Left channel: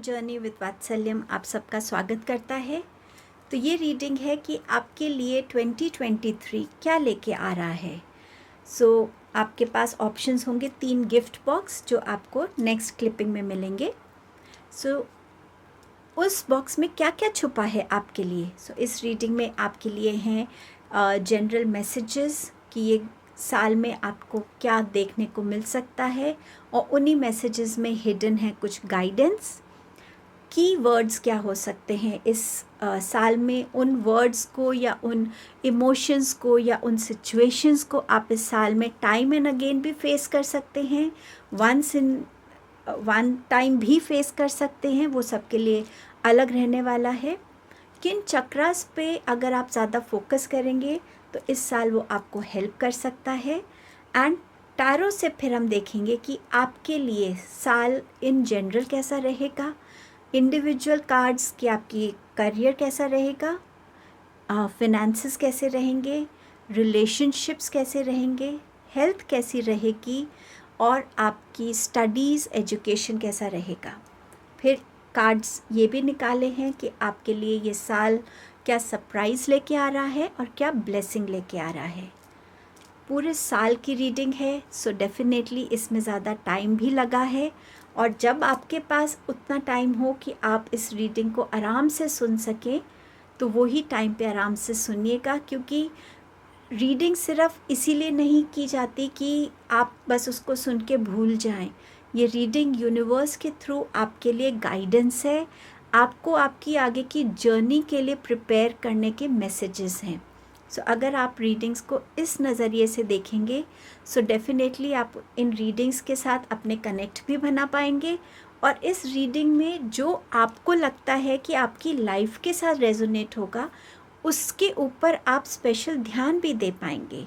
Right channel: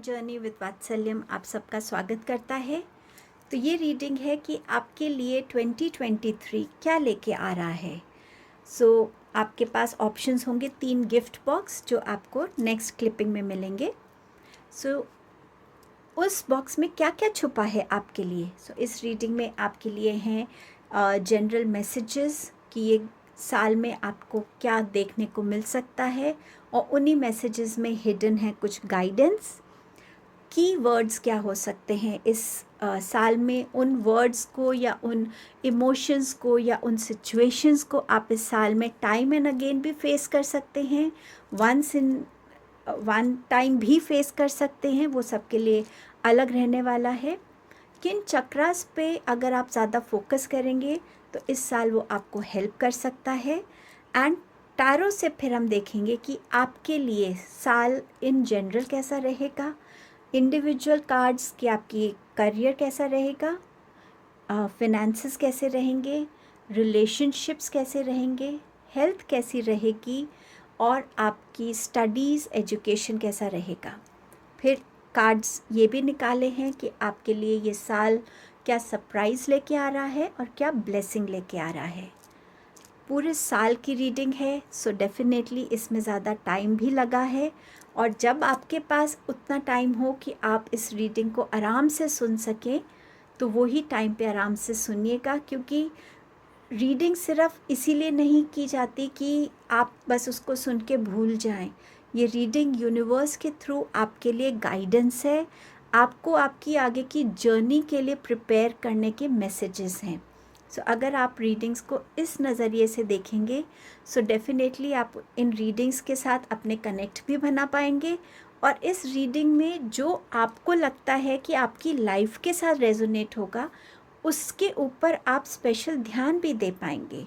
Journey with वात्सल्यम आप सबका स्वागत करता है। तो ये रीडिंग है कि आपके लिए 2023 क्या लेके आ रहा है। आपके पास ऑप्शंस होंगे 3 गिफ्ट बॉक्स जो आपको नेक्स्ट क्लिपिंग में मिलेंगे। उस बॉक्स में क्या क्या छुपा है आपके लिए। इस रीडिंग में आपके लिए हैं जनरल मैसेजेस कि ये साल में आपको क्या देखने को मिल सकता है, और उन्हीं मैसेजेस में हिडन है कुछ गाइडेंस। की वर्ड्स क्या हो सकते हैं इस साल में, उन वर्ड्स को या उन इमोशंस को या उन सिचुएशंस को आप इस साल में टाइम एंड अगेन भी फेस कर सकते हैं, वन टाइम भी फेस कर सकते हैं। वो सबके लिए अलग रहने वाला है। किन चक्रास पे अगर आप ज़्यादा फोकस करेंगे तो इस साल वो आपको हेल्प कर सकता है। एंड टैरो से फिर हम देखेंगे कि आपके लिए साल इन जनरल कैसा रहेगा, इंडिविजुअल कार्ड्स कि आपकी करियर कैसा रहेगा, फिनेंसेस कैसे रहेंगे, रिलेशनशिप्स कैसे रहेंगे, हेल्थ कैसी रहेगी, और आपकी स्टडीज़ एजुकेशन कैसा रहेगा। फिर कार्ड्स ये भी निकाले हैं कि आपके लिए ये साल क्या सरप्राइज़ लेके आ रहा है और क्या ब्लेसिंग लेके आ रहा है। पूरे साल की रीडिंग है, सो डेफिनेटली इसमें ज़्यादा टाइम भी लगा है। और जब आपके पास उतना टाइम हो कि आप इस रीडिंग को आराम से सुन सकें तो वही टाइम पे आराम से सुनिएगा, क्योंकि रीडिंग सिर्फ इसीलिए नहीं की जाती कि आप बस उसको सुन के भूल जाएं। ये रीडिंग यूनिवर्स के थ्रू आपके लिए गाइडेंस है, आपको आपकी आगे की जर्नी के लिए प्रिपेयर करने के मैसेजेस हैं। अगर आप रीडिंग्स को इस नज़रिए से देखेंगे डेफिनेटली आप इन रीडिंग्स के साथ अपने कनेक्ट भी बना पाएंगे, और इस रीडिंग में जो आपको लगता है कि आपकी लाइफ के साथ रेजोनेट होगा उसके ऊपर आप स्पेशल ध्यान भी दे पाएंगे।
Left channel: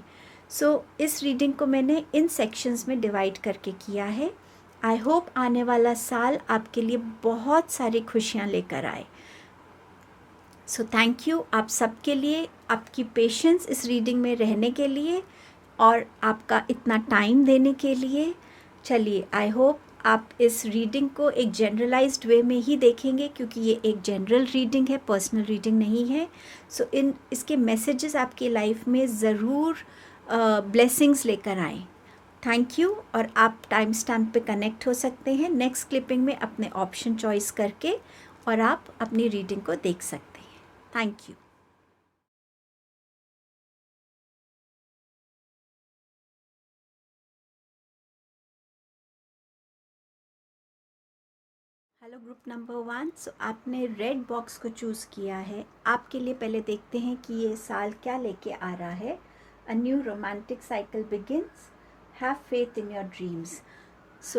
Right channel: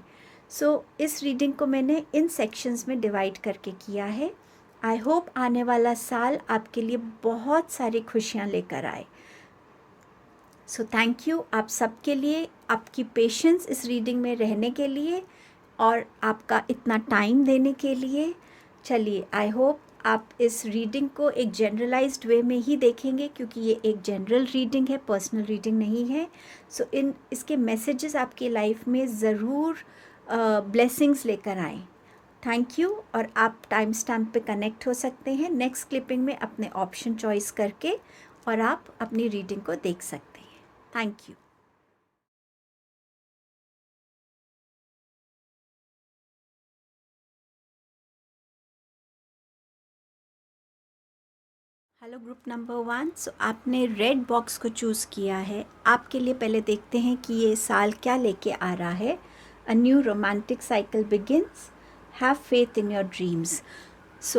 इस रीडिंग को मैंने इन सेक्शंस में डिवाइड करके किया है। आई होप आने वाला साल आपके लिए बहुत सारी खुशियाँ लेकर आए। थैंक यू आप सबके लिए, आपकी पेशेंस इस रीडिंग में रहने के लिए और आपका इतना टाइम देने के लिए। चलिए, आई होप आप इस रीडिंग को एक जनरलाइज्ड वे में ही देखेंगे, क्योंकि ये एक जनरल रीडिंग है, पर्सनल रीडिंग नहीं है। इसके मैसेजेस आपकी लाइफ में ज़रूर ब्लेसिंग्स लेकर आएँ। Thank you. और आप टाइम स्टैम्प पे कनेक्ट हो सकते हैं नेक्स्ट क्लिपिंग में अपने ऑप्शन चॉइस करके, और आप अपनी रीडिंग को देख सकते हैं। Thank you. Hello group number 1। आपने रेड बॉक्स को चूज़ किया है। आपके लिए पहले देखते हैं कि ये साल क्या लेके आ रहा है। A new romantic cycle begins, have faith in your dreams.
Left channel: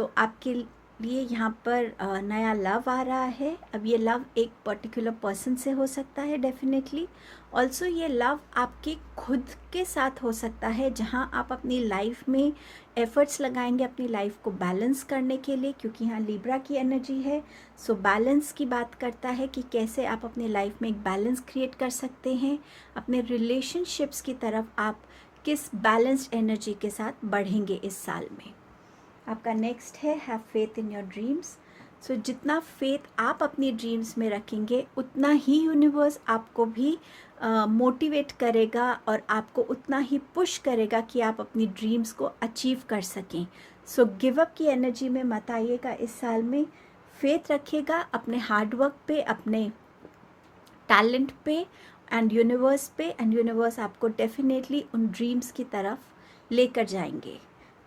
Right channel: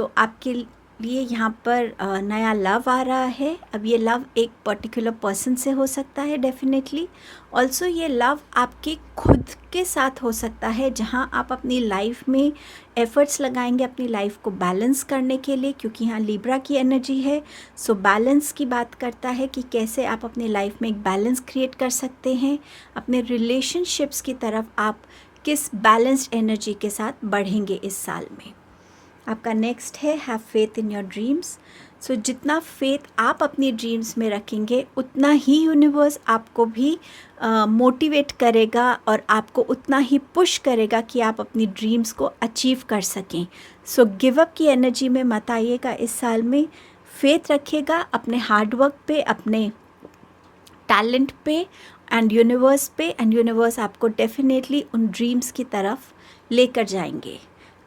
आपके लिए यहाँ पर नया लव आ रहा है। अब ये लव एक पर्टिकुलर पर्सन से हो सकता है डेफिनेटली। ऑल्सो ये लव आपके खुद के साथ हो सकता है, जहाँ आप अपनी लाइफ में एफर्ट्स लगाएंगे अपनी लाइफ को बैलेंस करने के लिए, क्योंकि यहाँ लिब्रा की एनर्जी है। बैलेंस की बात करता है कि कैसे आप अपनी लाइफ में एक बैलेंस क्रिएट कर सकते हैं। अपने रिलेशनशिप्स की तरफ आप किस बैलेंस्ड एनर्जी के साथ बढ़ेंगे इस साल में। आपका नेक्स्ट है have faith in your dreams. जितना फेथ आप अपनी ड्रीम्स में रखेंगे उतना ही यूनिवर्स आपको भी मोटिवेट करेगा और आपको उतना ही पुश करेगा कि आप अपनी ड्रीम्स को अचीव कर सकें। गिव अप की एनर्जी में मत आइएगा इस साल में। फेथ रखिएगा अपने हार्डवर्क पे, अपने टैलेंट पे एंड यूनिवर्स आपको डेफिनेटली उन ड्रीम्स की तरफ लेकर जाएंगे।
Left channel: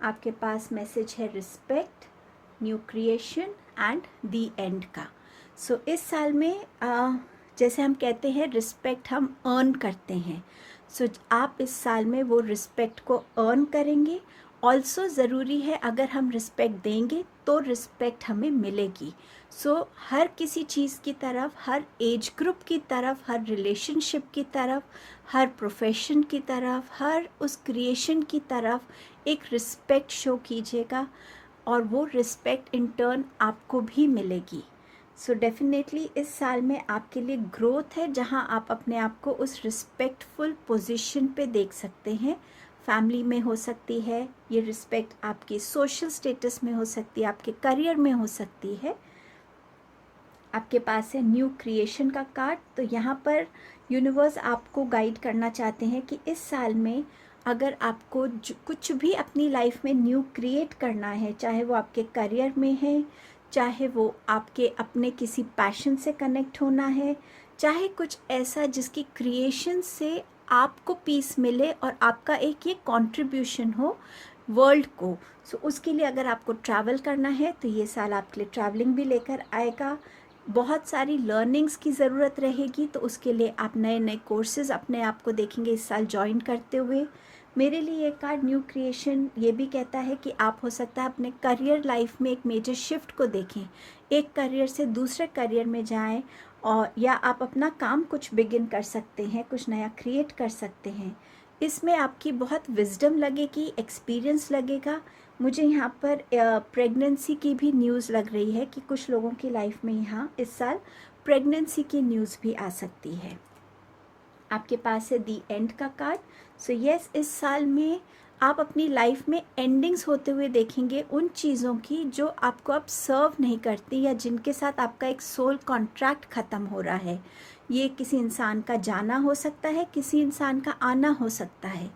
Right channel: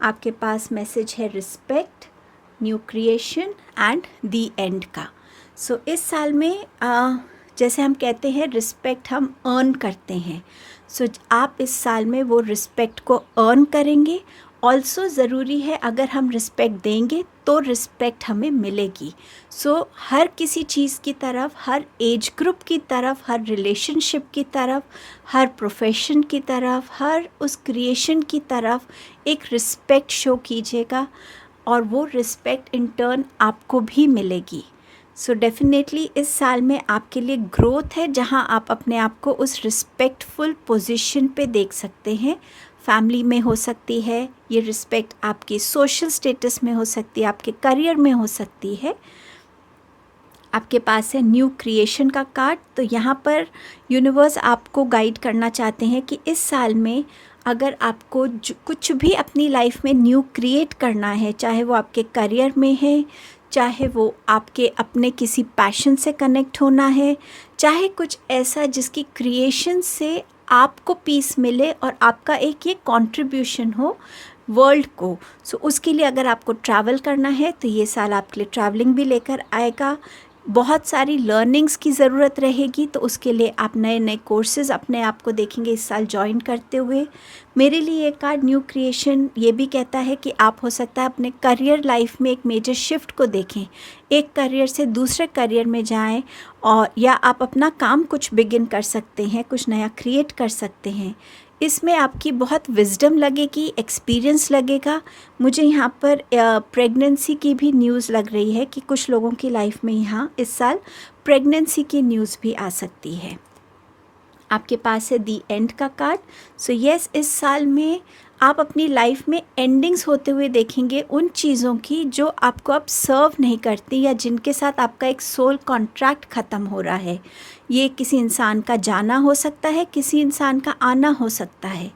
आपके पास मैसेज है respect, new creation and the and का। इस साल में जैसे हम कहते हैं रिस्पेक्ट हम अर्न करते हैं। आप इस साल में वो रिस्पेक्ट को अर्न करेंगे। ऑल्सो ज़रूरी है अगर हम रिस्पेक्ट देंगे तो रिस्पेक्ट हमें मिलेगी। हर किसी चीज़ की तरफ, हर एज ग्रुप की तरफ, हर रिलेशनशिप की तरफ, हर प्रोफेशन की तरफ, हर उस क्रिएशन की तरफ एक रिस्पेक्ट शो कीजिएगा, और वो रिस्पेक्ट इन टर्न आपको भी मिलेगी। डेफिनेटली इस साल में आपके लिए ग्रोथ है, जहाँ आप अपने आप को उस रिस्पेक्टफुल पोजीशन पे देख सकते हैं। फैमिली में हो सकती है ये रिस्पेक्ट, आपकी सोशल स्टेटस में हो सकती है, आपके करियर में हो सकती है। आपके पास है न्यू क्रिएशन का कार्ड। तो यहाँ पर यूनिवर्स आपको गाइड करना चाहते हैं कि इस साल में अगर आपको कुछ भी अपनी लाइफ में न्यू क्रिएट करना है, चाहे वो आपके करियर में है, चाहे वो आपके अपने किसी पैशन से कनेक्ट होना है, चाहे कुछ ऐसा जिसकी क्रिएशन से आपको पीस मिले और आपका एक ये कंट्रीब्यूशन हो वर्ल्ड को। सो उसके लिए अगर आपको ट्रैवल करना है तो ये साल आपके लिए ट्रैवलिंग भी लेकर आएगा। बहुत सारी लर्निंग्स की ज़रूरत रहेगी, तो उसके लिए आप नए नए कोर्सेज़ अपने आप को देखेंगे इस साल ज्वाइन करते हुए। मेरे लिए ये कार्ड न्यू क्रिएशन ये भी कहता है कि आप हो सकता है अपने करियर लाइफ में एक मेजर शिफ्ट को देखें, एक करियर से दूसरे करियर में जाएं, और या आप अपना काम कुछ बिगिन कर सकते हैं, कुछ नया क्रिएट कर सकते हैं। इसमें आपकी बहुत विजडम लगेगी, एक्सपीरियंस लगेगा। मुझे यहाँ पर प्रेगनेंसी की भी न्यूज़ लग रही है कि कुछ लोगों की लाइफ में यहाँ इस साल प्रेगनेंसी की न्यूज़ भी आ सकती है। आपके पास है दी एंड का कार्ड। सो यस, इस साल में आप अपनी लाइफ में एंडिंग्स होते हुए देखेंगे उन चीज़ों की जो आपको अब सर्व नहीं करती, या जिनके साथ आपका एक सोल कॉन्ट्रैक्ट ख़त्म हो रहा है। ये किसी इंसान का जाना हो सकता है, किसी इंसान का आना हो सकता है,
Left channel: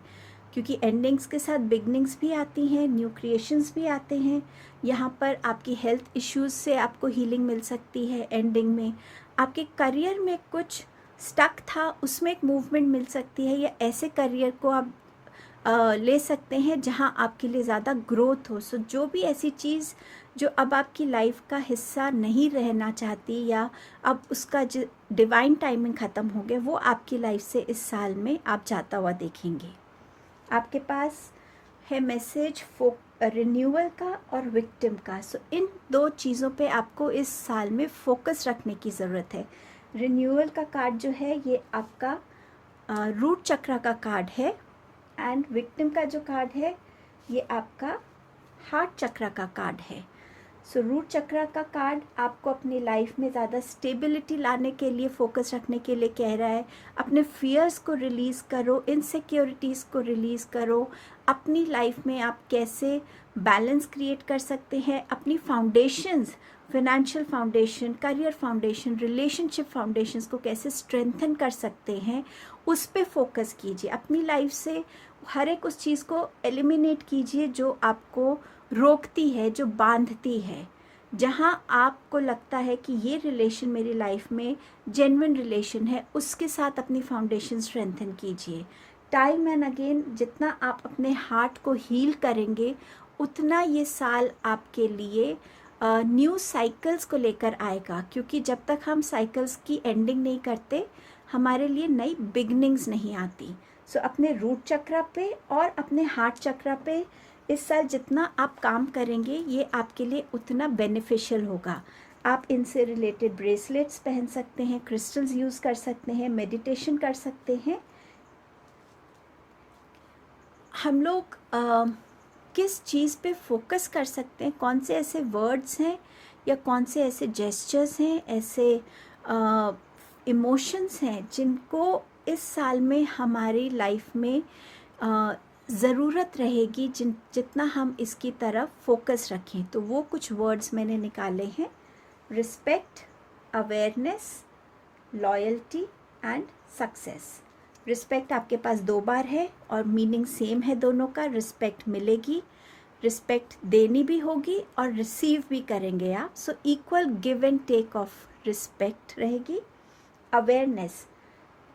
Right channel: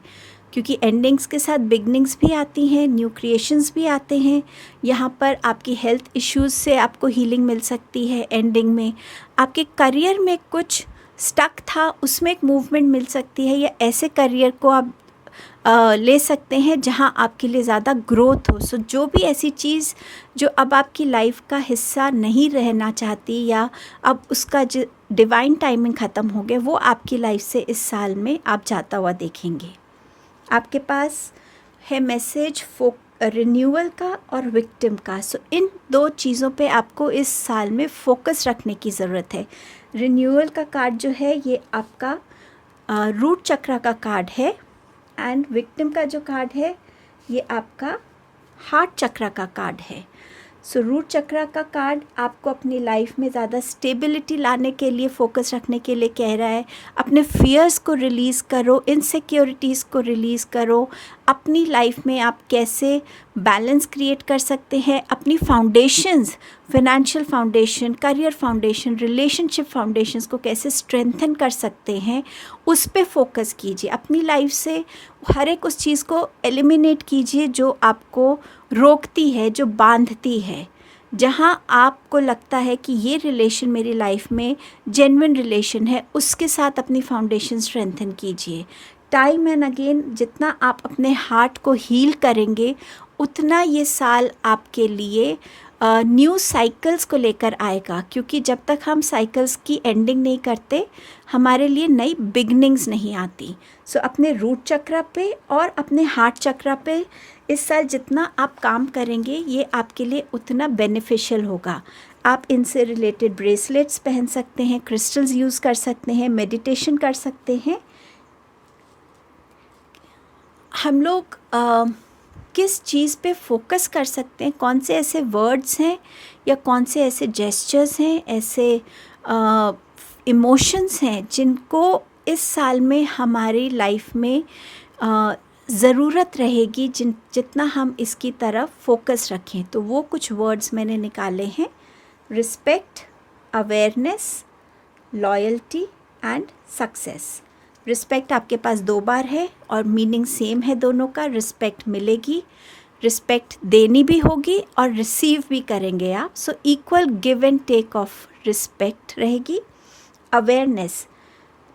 क्योंकि एंडिंग्स के साथ बिगनिंग्स भी आती हैं, न्यू क्रिएशंस भी आते हैं। यहाँ पर आपकी हेल्थ इश्यूज़ से आपको हीलिंग मिल सकती है। एंडिंग में आपके करियर में कुछ स्टक था, उसमें एक मूवमेंट मिल सकती है, या ऐसे करियर को आप ले सकते हैं जहां आपके लिए ज़्यादा ग्रोथ हो। सो जो भी ऐसी चीज़ जो अब आपकी लाइफ का हिस्सा नहीं रहना चाहती, या अब उसका जो डिवाइन टाइमिंग ख़त्म हो गया, वो आपकी लाइफ से इस साल में आप जाता हुआ देखेंगे। आपके पास है मैसेज रिन्यूअल का और विक्टिम का। सो इन दो चीज़ों पे आपको इस साल में फोकस रखने की ज़रूरत है। रिन्यूअल का कार्ड जो है ये आपका रूट चक्र का कार्ड है, एंड विक्टिम का जो कार्ड है ये आपका हार्ट चक्र का कार्ड है। सो रूट चक्र का कार्ड आपको अपनी लाइफ में ज़्यादा स्टेबिलिटी लाने के लिए, फोकस रखने के लिए कह रहा है। अपने फियर्स को रिलीज़ करो, इनसिक्योरिटीज़ को रिलीज़ करो। अपनी लाइफ में आप कैसे बैलेंस क्रिएट कर सकते हैं, अपनी foundations, financial foundation, career foundation, relationship foundations को कैसे स्ट्रेंथन कर सकते हैं, उस पे फोकस कीजिए। अपनी लाइफ से हर एक उस चीज़ को एलिमिनेट कीजिए जो आपको रोकती है, जो बांधती है। जहाँ आपको लगता है कि ये रिलेशन मेरी लाइफ में जेन्युइन रिलेशन है, उसके साथ अपनी फाउंडेशन स्ट्रेंथन कीजिए। टाइम एंड अगेन जितना आप अपने हार्ट को हील करेंगे, उतना ये साल आपके लिए न्यू साइकिल्स को लेकर आएगा, क्योंकि जब तक हम साइकिल्स की एंडिंग नहीं करते, हमारे लिए नई बिगनिंग्स नहीं आती। सो अपने रूट चक्र पे और अपने हार्ट चक्र पे इस साल जितना आप काम करेंगे, ये आपके लिए उतना बेनिफिशियल होगा। आप इनसे रिलेटेड ब्रेसलेट्स पहन सकते हैं, क्रिस्टल्स यूज़ कर सकते हैं, मेडिटेशन कर सकते हैं। हम लोग किस चीज़ पे फोकस कर सकते हैं, कौन से ऐसे वर्ड्स हैं या कौन से ऐसे जेस्चर्स हैं, ऐसे इमोशंस हैं जिनको इस साल में हमारी लाइफ में ज़रूरत रहेगी, जितना हम इसकी तरफ फोकस रखें। तो वो कुछ वर्ड्स मैंने निकाले हैं: respect, awareness, loyalty and success. Respect आपके पास 2 बार है और मीनिंग सेम है दोनों का। रिस्पेक्ट मिलेगी, रिस्पेक्ट देनी भी होगी और रिसीव भी करेंगे आप। So equal give and take of respect रहेगी। अवेयरनेस,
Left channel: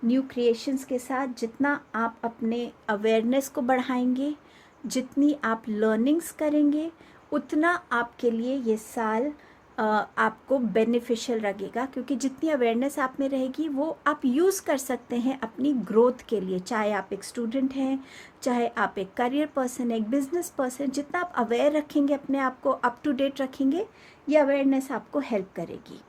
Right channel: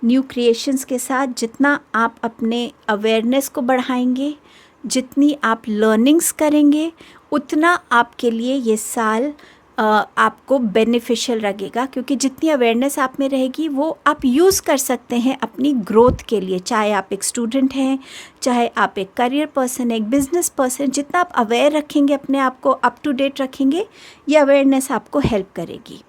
न्यू क्रिएशंस के साथ जितना आप अपने अवेयरनेस को बढ़ाएंगे, जितनी आप लर्निंग्स करेंगे, उतना आपके लिए ये साल आपको बेनिफिशियल लगेगा, क्योंकि जितनी अवेयरनेस आप में रहेगी वो आप यूज़ कर सकते हैं अपनी ग्रोथ के लिए। चाहे आप एक स्टूडेंट हैं, चाहे आप एक करियर पर्सन, एक बिजनेस पर्सन, जितना आप अवेयर रखेंगे, अपने आप को अप टू डेट रखेंगे, ये अवेयरनेस आपको हेल्प करेगी।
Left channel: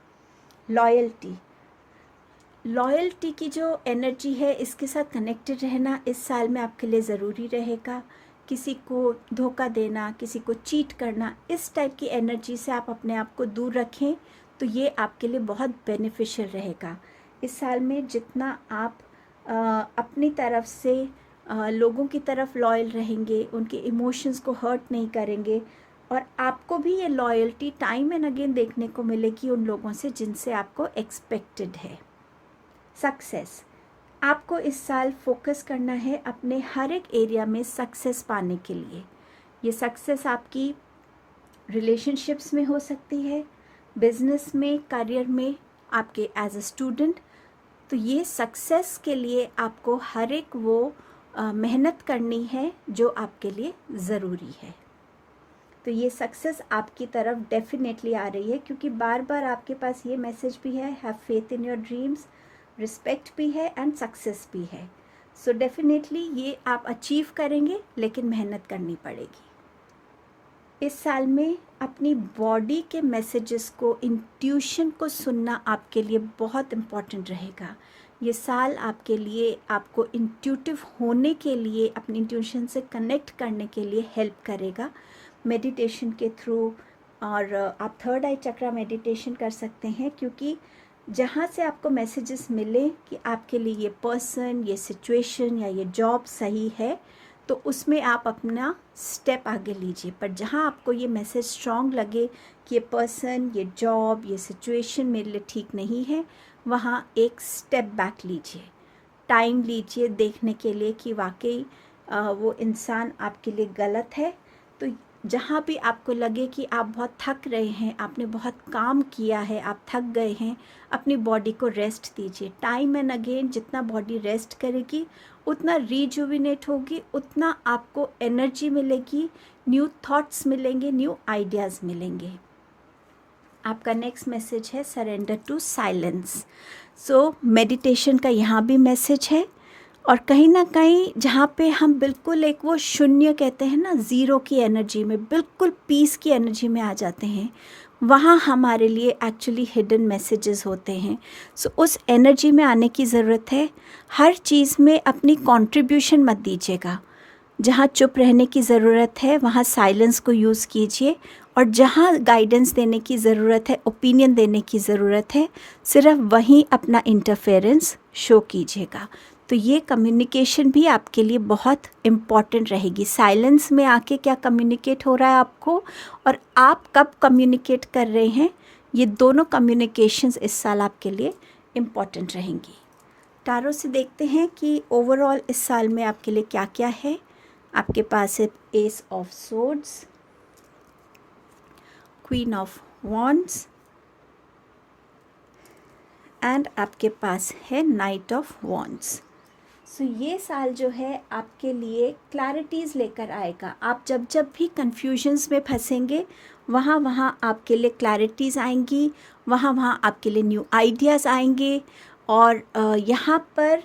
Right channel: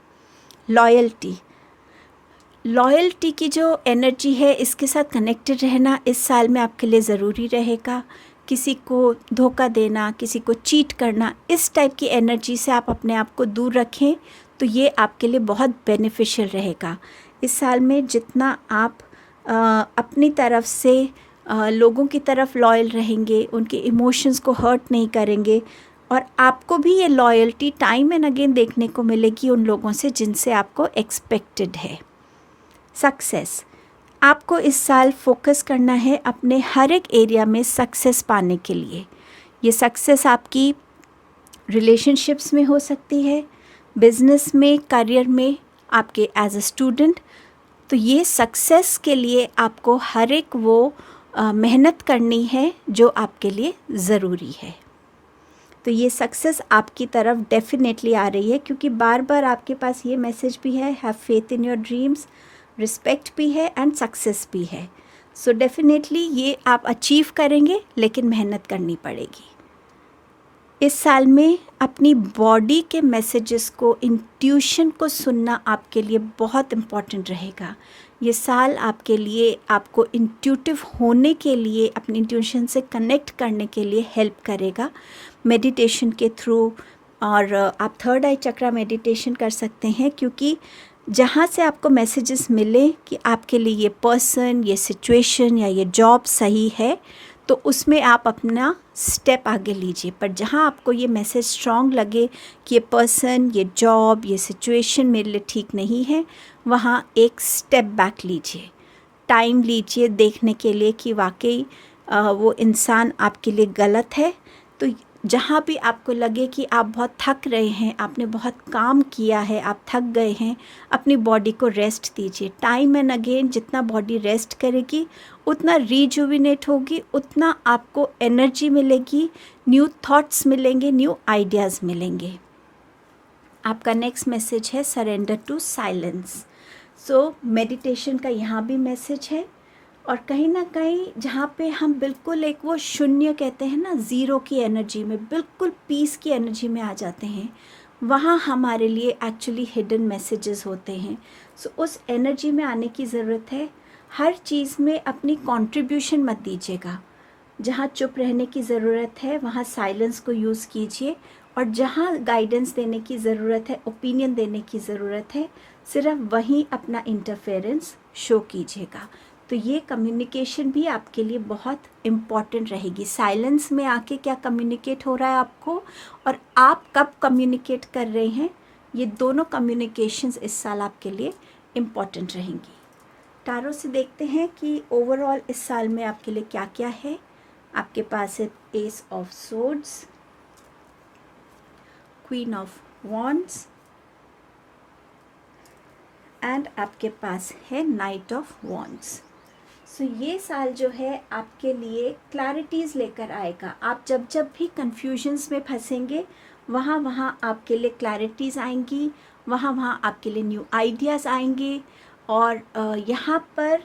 लॉयल्टी की जो एनर्जी है, इसके साथ कनेक्टेड रहना इस साल में आपके लिए ज़रूरी रहेगा। किसी को धोखा देना, किसी को चीट करना, इस टाइप की एनर्जी से आप अपने आप को दूर रखें, तो ये आपके लिए बहुत बेनिफिशियल रहेगा। इस साल में जितना आप अपनी तरफ से लोगों की तरफ लॉयल रहेंगे, उनके इमोशंस को हर्ट नहीं करेंगे, और आपको भी ये लॉयल्टी टाइम एंड अगेन देखने को मिलेगी उन लोगों से जिनसे आपको एक्सपेक्टेड है। सक्सेस, आपको इस साल फोकस करना है अपने हर एक एरिया में सक्सेस पाने के लिए। ये सक्सेस आपकी रिलेशनशिप्स में हो सकती है, बिजनेस में, करियर में, आपके एज अ स्टूडेंट। तो ये सक्सेस के लिए आपको हर एक वो मेहनत करनी है जो आपके लिए ज़रूरी है। तो ये सक्सेस आपकी तरफ डेफिनेटली आ रही है, क्योंकि बार बार आपके पास ये मैसेज भी है, have faith in your dreams, respect भी है एंड सक्सेस भी है। सो डेफिनेटली ये आप अचीव करेंगे, लेकिन मेहनत करनी पड़ेगी। इस साल में अपनी बॉडी के मैसेजेस को, इंट्यूशन को सुनना आपके लिए बहुत इम्पॉर्टेंट रहेगा। ये साल आपके लिए, आपको इंट्यूटिव होने के लिए, अपनी इंट्यूशन से कनेक्ट करने के लिए हेल्प करेगा मेडिटेशन के थ्रू। और आप थर्ड आई चक्रा मेडिटेशन कर सकते हैं, क्योंकि जहाँ से आपको मैसेजेस मिले कि आपके लिए ये पर्सन, ये सिचुएशन या ये जॉब सही है, तो उसमें आप अपना स्टेप आगे लीजिए। पर जहाँ आपको ये मैसेज स्ट्रॉन्ग लगे कि ये पर्सन, ये जॉब, ये सिचुएशन मेरे लिए ठीक नहीं है, वहाँ एक स्टेप बैक लीजिए, टाइम लीजिए देखने के लिए कि वाकई वो इंसान आपके लिए गलत है। तो जहाँ भी आपको लगे कि आप बहुत थक रहे हैं, आपने बहुत काम किया है, आप थक गए हैं, अपनी बॉडी को रेस्ट दीजिए। टाइम एंड अगेन जितना बॉडी रेस्ट करेगी उतना रिजुविनेट होगी, उतना आपको एनर्जी मिलेगी, न्यू थॉट्स मिलेंगे, न्यू आइडियाज़ मिलेंगे। आपका नेक्स्ट मैसेज है surrender to silence. So meditation का यहाँ भी मैसेज है, और कहीं ना कहीं जहाँ पे हम बिल्कुल एक वो शून्य कहते हैं ना, ज़ीरो की एनर्जी में, बिल्कुल पीस की एनर्जी में आ जाते हैं, वहाँ हमारे लिए एक्चुअली हिडन मैसेजेस होते हैं। सो उस एनर्जी में आने की ज़रूरत है। हर चीज़ में अपनी कंट्रीब्यूशन मत दीजिएगा। जहाँ चुप रहने की ज़रूरत है वहाँ साइलेंस को यूज़ कीजिए, और जहाँ गाइडेंस देने की ज़रूरत है, ओपिनियन देने की ज़रूरत है, सिर्फ वहीं अपना इंटरफेरेंस शो कीजिएगा। तो ये कम्युनिकेशन भी आपके लिए बहुत इम्पॉर्टेंट रहेगी। साइलेंस में आके क्या कम्युनिकेट हो रहा है आपको, और आप कब कम्युनिकेट कर रहे हैं, ये दोनों कम्युनिकेशंस इस साल आपके लिए इम्पॉर्टेंट रहेंगी। टारो से देखते हैं कि ओवरऑल इस साल में आपके लिए क्या क्या है। आपके पास है S of swords, queen of wands and आपके पास है नाइट ऑफ वॉन्ड्स। सो ये साल जो है आपके लिए क्लैरिटीज़ लेकर आएगा। आप जब जब भी कन्फ्यूजन्स में फंसेंगे, वहाँ वहाँ आपके लिए क्लैरिटीज़ आएंगी, वहाँ वहाँ आपके लिए न्यू आइडियाज़ आएंगे। और यहाँ पर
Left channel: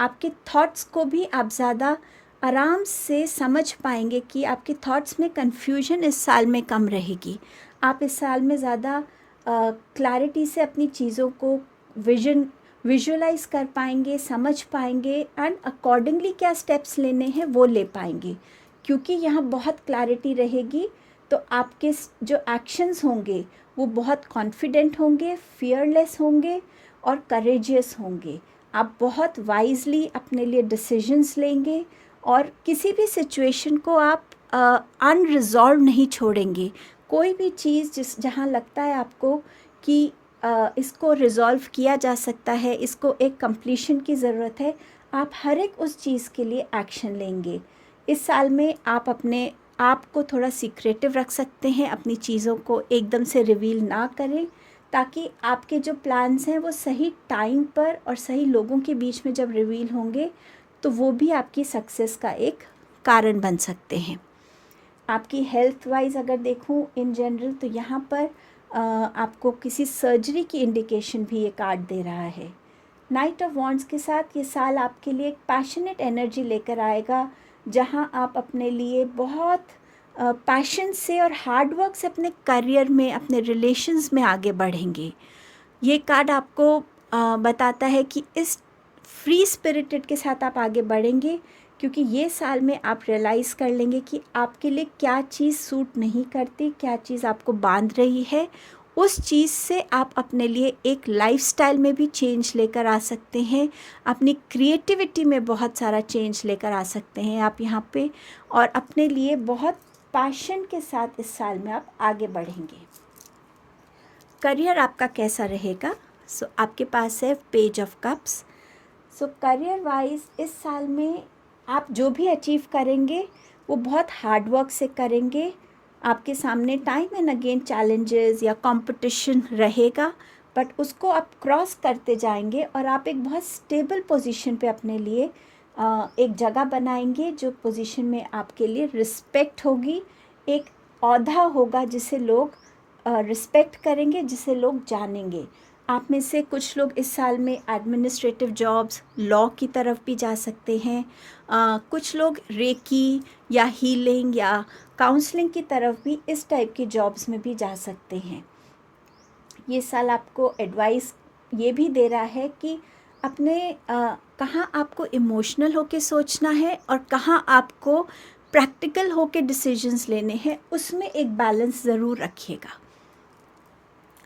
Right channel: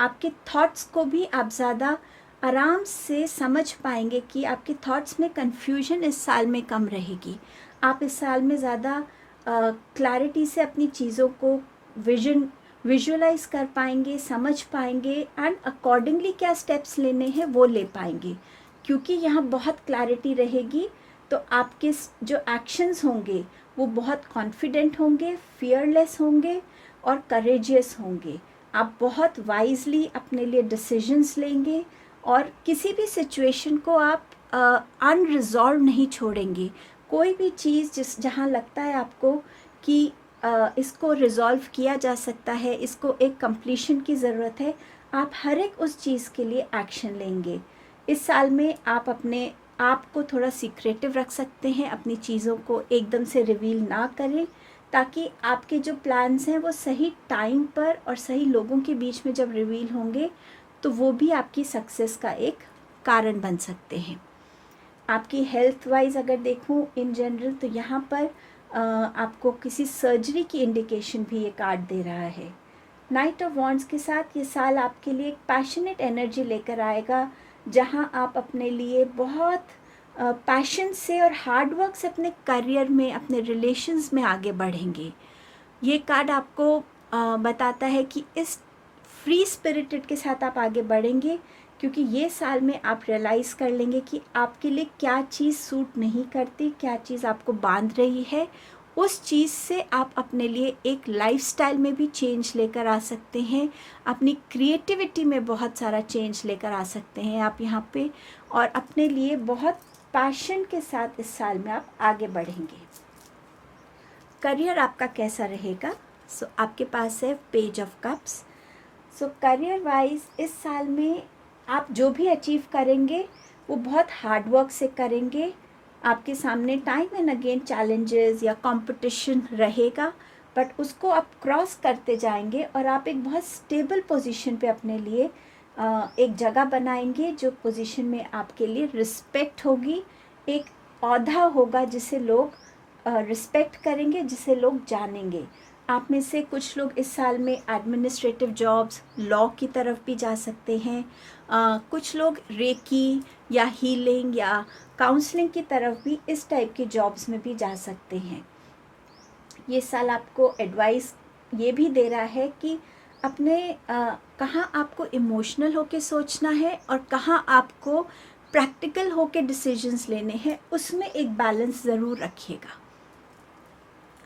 आपके थॉट्स को भी आप ज़्यादा आराम से समझ पाएंगे कि आपके थॉट्स में कन्फ्यूजन इस साल में कम रहेगी। आप इस साल में ज़्यादा क्लैरिटी से अपनी चीज़ों को विजुअलाइज कर पाएंगे, समझ पाएंगे, एंड अकॉर्डिंगली क्या स्टेप्स लेने हैं वो ले पाएंगे। क्योंकि यहाँ बहुत क्लैरिटी रहेगी, तो आपके जो एक्शंस होंगे वो बहुत कॉन्फिडेंट होंगे, फियरलेस होंगे और करेजियस होंगे। आप बहुत वाइजली अपने लिए डिसीजंस लेंगे, और किसी भी सिचुएशन को आप अनरिजॉल्व नहीं छोड़ेंगे। कोई भी चीज़ जहाँ लगता है आपको कि इसको रिज़ॉल्व किया जा सकता है, इसको एक कंप्लीशन की ज़रूरत है, आप हर एक उस चीज़ के लिए एक्शन लेंगे। इस साल में आप अपने आप को थोड़ा सीक्रेटिव रख सकते हैं, अपनी चीज़ों को एकदम से रिवील ना करें, ताकि आपके जो प्लान्स हैं वो सही टाइम पर और सही लोगों के बीच में जब रिवील होंगे तो वो भी आपकी सक्सेस का एक कारण बन सकते हैं। आपकी हेल्थ वाइज अगर देखूं इन जनरल, तो यहाँ पर आपको किसी सर्जरी की इंडिकेशन भी ये कार्ड दे रहा है। नाइट ऑफ वॉन्ड्स के साथ ये साल आपके लिए एक पैशनेट एनर्जी लेकर आएगा, जहाँ आप अपने लिए बहुत पैशन से और हार्डवर्क से अपने करियर में, अपने रिलेशंस में आगे बढ़ेंगे। ये कार्ड आपको बताता है कि इस फ्री स्पिरिटेड के साथ आप आगे बढ़ेंगे, क्योंकि ये साल में आप रियलाइज़ कर लेंगे कि आपके लिए क्या चीज़ सूट नहीं करती, क्या चीज़ आपको बांध रही है। उस चीज़ से आप अपने लिए एक लाइफस्टाइल में भी चेंज लेकर आ सकते हैं, अपनी क्रिएटिविटी में बहुत सारा चेंज लेकर आ सकते हैं आप यहाँ पे, और अपने लिए बहुत पैशन के साथ इस साल में आप आगे बढ़ेंगे। करियर आपका कैसा रहेगा? सो आपके पास है page of cups. So career wise इस साल में आप जो भी अचीव करेंगे वो बहुत हार्ड वर्क से करेंगे। आपके सामने टाइम एंड अगेन चैलेंजेस या कंपटीशन रहेगा, बट उसको आप क्रॉस करते जाएंगे और आप एक बहुत स्टेबल पोजीशन पे अपने लिए एक जगह बनाएंगे, जो पोजीशन में आपके लिए रिस्पेक्ट होगी, एक औहदा होगा जिसे लोग रिस्पेक्ट करेंगे, जिसे लोग जानेंगे। आप में से कुछ लोग इस साल में एडमिनिस्ट्रेटिव जॉब्स, लॉ की तरफ भी जा सकते हैं। कुछ लोग रेकी या हीलिंग या काउंसलिंग की तरफ भी इस टाइप की जॉब्स में भी जा सकते हैं। ये साल आपको एडवाइस ये भी दे रहा है कि अपने कहाँ आपको इमोशनल होके सोचना है और कहाँ आपको प्रैक्टिकल होके डिसीजंस लेने हैं, उसमें एक बैलेंस ज़रूर रखिएगा।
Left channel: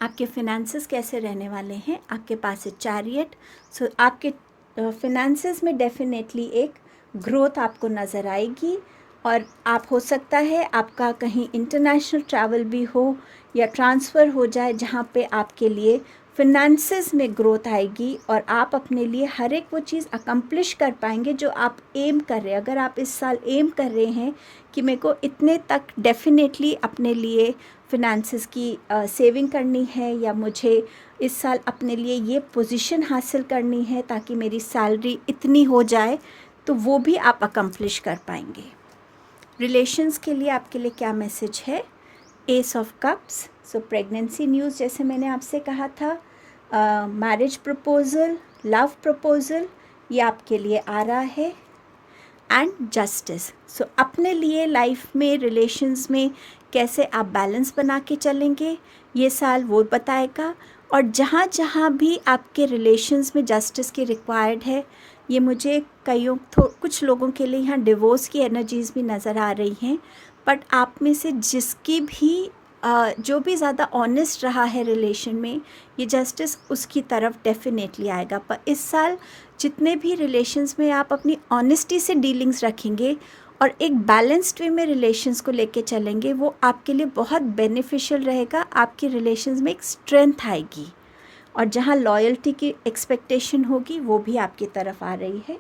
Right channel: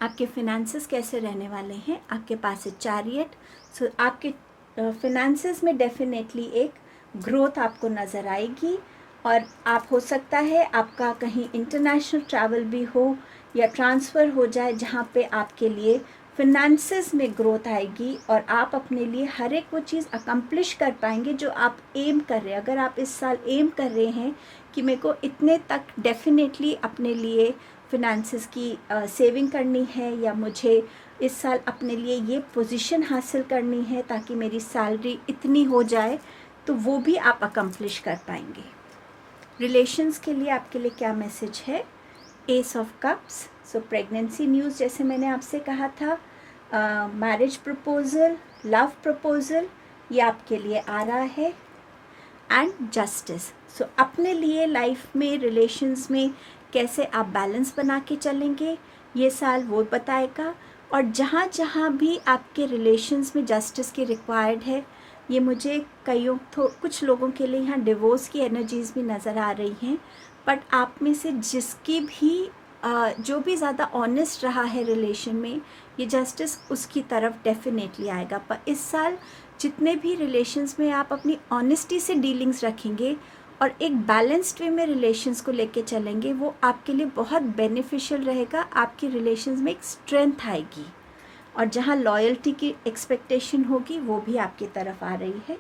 आपके फिनेंसेस कैसे रहने वाले हैं? आपके पास है चैरियट। सो आपके फिनेंसेस में डेफिनेटली एक ग्रोथ आपको नज़र आएगी, और आप हो सकता है आपका कहीं इंटरनेशनल ट्रैवल भी हो या ट्रांसफ़र हो जाए, जहाँ पे आपके लिए फिनेंसेस में ग्रोथ आएगी और आप अपने लिए हर एक वो चीज़ अकम्प्लिश कर पाएंगे जो आप एम कर रहे हैं। अगर आप इस साल एम कर रहे हैं कि मेरे को इतने तक डेफिनेटली अपने लिए फिनेंसेस की सेविंग करनी है, या मुझे इस साल अपने लिए ये पोजीशन हासिल करनी है ताकि मेरी सैलरी इतनी हो जाए, तो वो भी आप अकम्प्लिश कर पाएंगे। रिलेशंस के लिए आपके लिए क्या मैसेज है? S of cups. So pregnancy news, जैसे मैंने आपसे कहा था, मैरिज प्रपोज़ल, लव प्रपोज़ल, ये आपके लिए आ रहा है। And justice. सो अपने लिए लाइफ में, रिलेशंस में कैसे आप बैलेंस बना के चलेंगे, ये साल वो बताएगा। और जहाँ जहाँ भी आपके रिलेशंस में जस्टिस की रिक्वायर्ड है, ये मुझे कुछ लोगों के लिए यहाँ डिवोर्स की एनर्जीज़ भी नज़र आ रही हैं, बट आप में से जिसकी भी जो भी ज़्यादा ऑनेस्ट रहा है रिलेशन में, ये जस्टिस उसकी तरफ डेफिनेटली आएगा। पर इस साल जितने भी रिलेशंस में आप अपनी ऑनेस्टी से डीलिंग्स रखेंगे और एक बैलेंस्ड वे में रिलेशंस को लेके चलेंगे, वो आपके लिए बहुत बेनिफिशियल रहेगा। आपकी रिलेशंस में एक स्ट्रेंथ आएगी, और जहाँ लॉयल्टी की एक्सपेक्टेशन होगी वो भी आपकी तरफ आ रही है।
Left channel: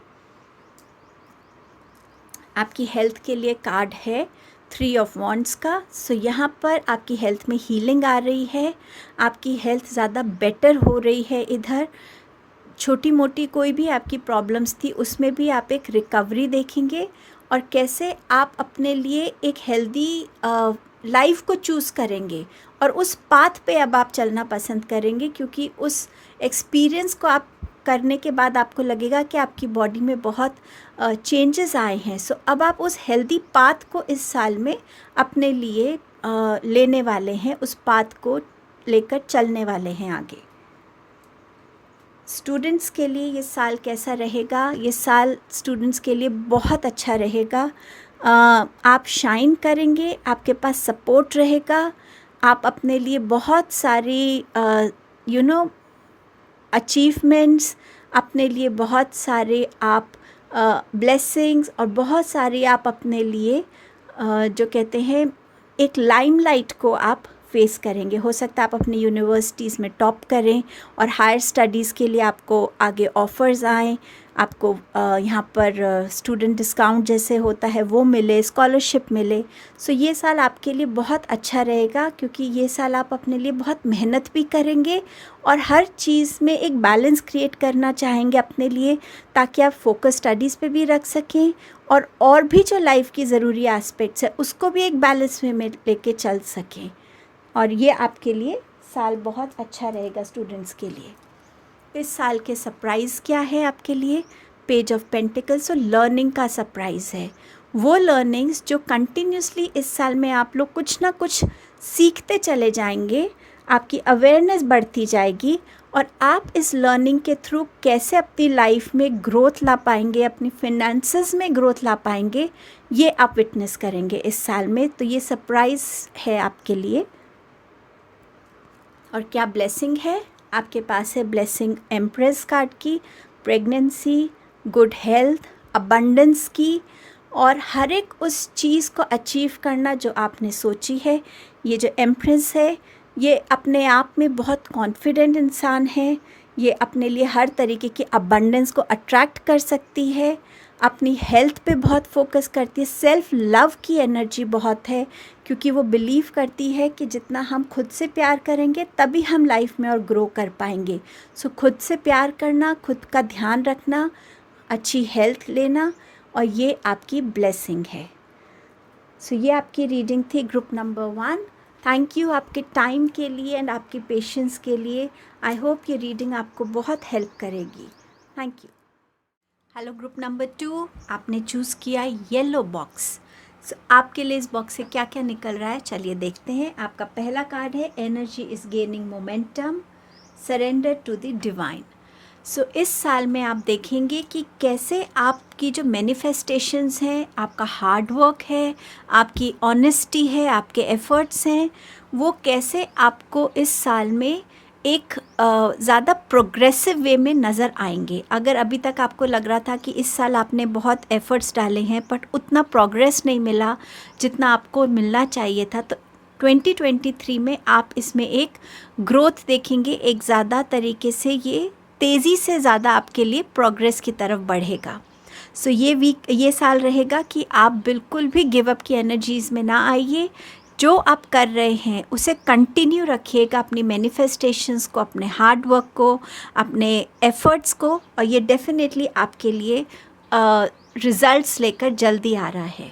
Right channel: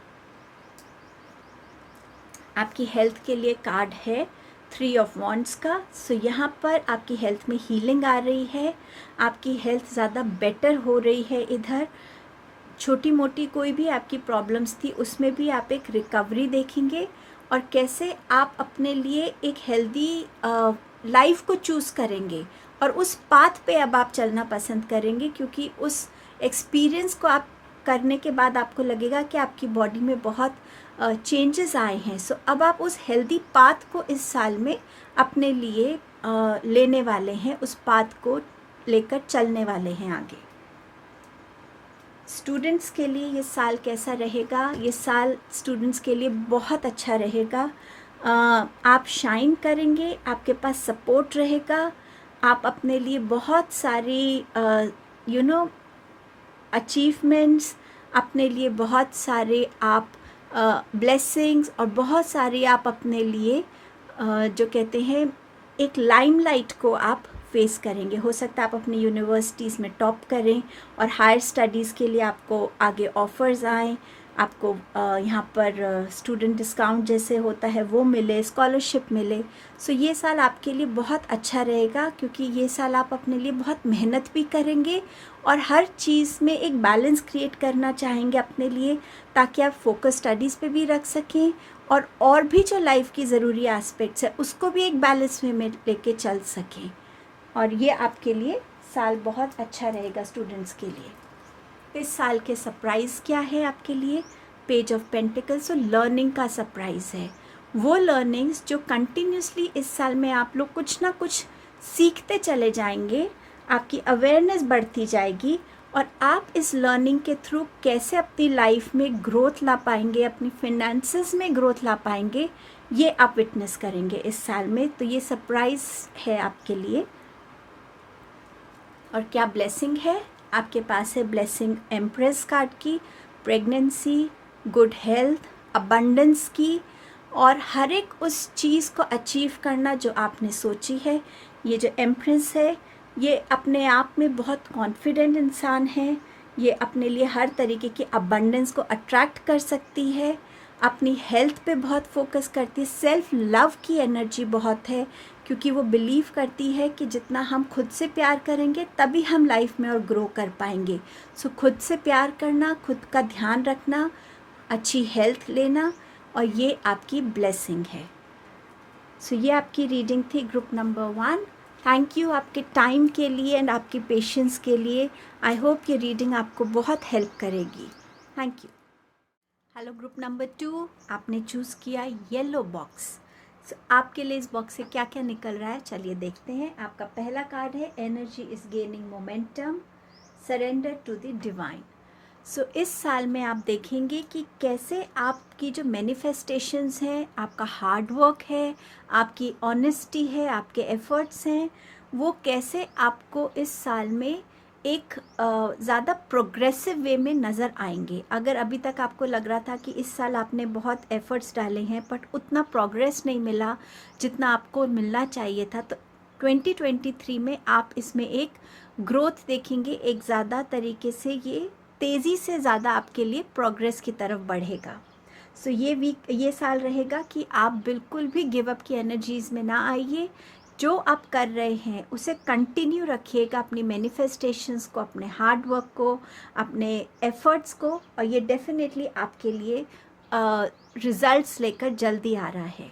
आपकी हेल्थ के लिए कार्ड है 3 ऑफ वॉन्ड्स का। सो यहाँ पर आपकी हेल्थ में हीलिंग आ रही है, आपकी हेल्थ ज़्यादा बेटर हो रही है। इधर छोटी मोटी कोई भी आपकी प्रॉब्लम्स थी, उसमें भी आप एक रिकवरी देखेंगे, और कैसे आप अपने लिए एक हेल्दी लाइफ को चूज़ करेंगे, और उस पाथ पे अब आप चलना पसंद करेंगे, क्योंकि उस एक्सपीरियंस को आप करने के बाद आपको लगेगा कि आपकी बॉडी में बहुत चेंजेस आए हैं। सो अब आप उस हेल्दी पाथ को इस साल में अपने लिए लेने वाले हैं, उस पाथ को लेकर चलने वाले हैं आगे। स्टूडेंट्स के लिए ये साल कैसा रहेगा? ये साल स्टूडेंट्स के लिए बहुत अच्छा रहेगा। आप शाइन करेंगे, आपके पास सपोर्ट रहेगा, आप अपने लिए बहुत सारी अचीवमेंट्स, अपने लिए बहुत सारे आप ब्लेसिंग्स, और बहुत सारी आप अपने लिए जो कहते हैं एक लाइमलाइट को आप फेस करेंगे। हो सकता है आप अपनी यूनिवर्सिटीज़ में टॉप करें, और हायर स्टडीज़ के लिए आपको आगे ऑफ़र्स आएँ, आपको यहाँ पर स्टूडेंट डिस्काउंट जैसे होता है वो मिले, स्कॉलरशिप मिले। सो ये साल आपके लिए बहुत अच्छा रहेगा, क्योंकि ये साल आप अपने लिए बहुत मेहनत भी करेंगे और हर चीज़ में एक बैलेंस क्रिएट करना चाहेंगे अपने लिए, ताकि आप फोकस स्टडीज़ पे भी रख सकें, और भी जो लाइफ की ज़रूरी एस्पेक्ट्स है उसको भी एक बैलेंस में लेके चल सकें। और ये आपके लिए साल बहुत अच्छा रहेगा स्टूडेंट्स के लिए। इस साल के सरप्राइज़ क्या है आपके लिए? Page of pentacles. तो लर्निंग का सरप्राइज़ है, वो लर्निंग्स जो कंटिन्यूसली इस साल में आप लोग कुछ ना कुछ सीखते चले जाएंगे, आपकी अवेयरनेस बढ़ती जाएगी, और आप इस लर्निंग के थ्रू कैसे अपनी लाइफ में ग्रोथ ला पाएंगे, अपनी फिनेंसेस में ग्रोथ ला पाएंगे, ये आप विटनेस करेंगे इस साल में। तो ये सरप्राइज़ है आपके लिए। और क्या ब्लेसिंग है? आपके पास है ब्लेसिंग एम्प्रेस कार्ड की, प्रेगनेंसी, गुड हेल्थ, अबंडेंस की, और हर एक उस चीज़ को अचीव करना जो आपने सोची है। ये जो एम्प्रेस है ये अपने आप में बहुत कॉन्फिडेंट इंसान है, ये अपने लिए हर तरीके की अबंडेंस को अट्रैक्ट कर सकती है, अपनी हेल्थ पे बहुत फोकस करती है, सेल्फ लव की एनर्जी बहुत है क्योंकि वो बिलीव करती है कि जितना हम खुद से प्यार करेंगे तभी हम लाइफ में और ग्रो कर पाएंगे। सो खुद से प्यार करना, खुद का ध्यान रखना, अच्छी हेल्थ लेना, और ये आपकी ब्लेसिंग है। सो ये आपकी रीडिंग थी ग्रुप नंबर 1। थैंक यू आपके टाइम के लिए एंड आपके पेशेंस के लिए। आई होप ये रीडिंग आपको बहुत हेल्प करेगी। Thank you. Hello group number 2, आपने चूज़ किया येलो बॉक्स। सो आपके लिए इस बॉक्स से क्या क्या निकल रहा है चलिए देखते हैं। आपका पहला कार्ड है energy is gaining momentum, surrender to the divine. So इस साल में आप देखेंगे कि कैसे आपकी जो मैनिफेस्टेशंस हैं, आपका हार्ड वर्क है, आपकी ऑनेस्टी है, आपके एफ़र्ट्स हैं, वो कैसे आपको इस साल में एक ज़्यादा प्रोग्रेसिव वे में नज़र आएंगे। अगर अभी तक आपको लग रहा था कि इस साल आपने बहुत एफ़र्ट्स डाले हैं बट उतना प्रोग्रेस नहीं मिला जितना आपको मिलना चाहिए था, तो 2023 में आप इसमें एक ग्रोथ देखेंगे। एक ज़्यादा तरीके से ये तेज़ी से ज़्यादा आपके लिए प्रोग्रेस की तरफ बढ़ेगा। सो ये साल रहेगा कि आप बिल्कुल भी गिव अप की एनर्जीज़ में ना आइए। जो आप कर रहे हैं उसे कंटिन्यू रखिएगा, अपनी मैनिफेस्टेशंस को, अपने हार्ड वर्क को, अपने एफ़र्ट्स को, और ये डेफिनेटली आपके लिए रिज़ल्ट्स लेकर जल्दी आ रहा है।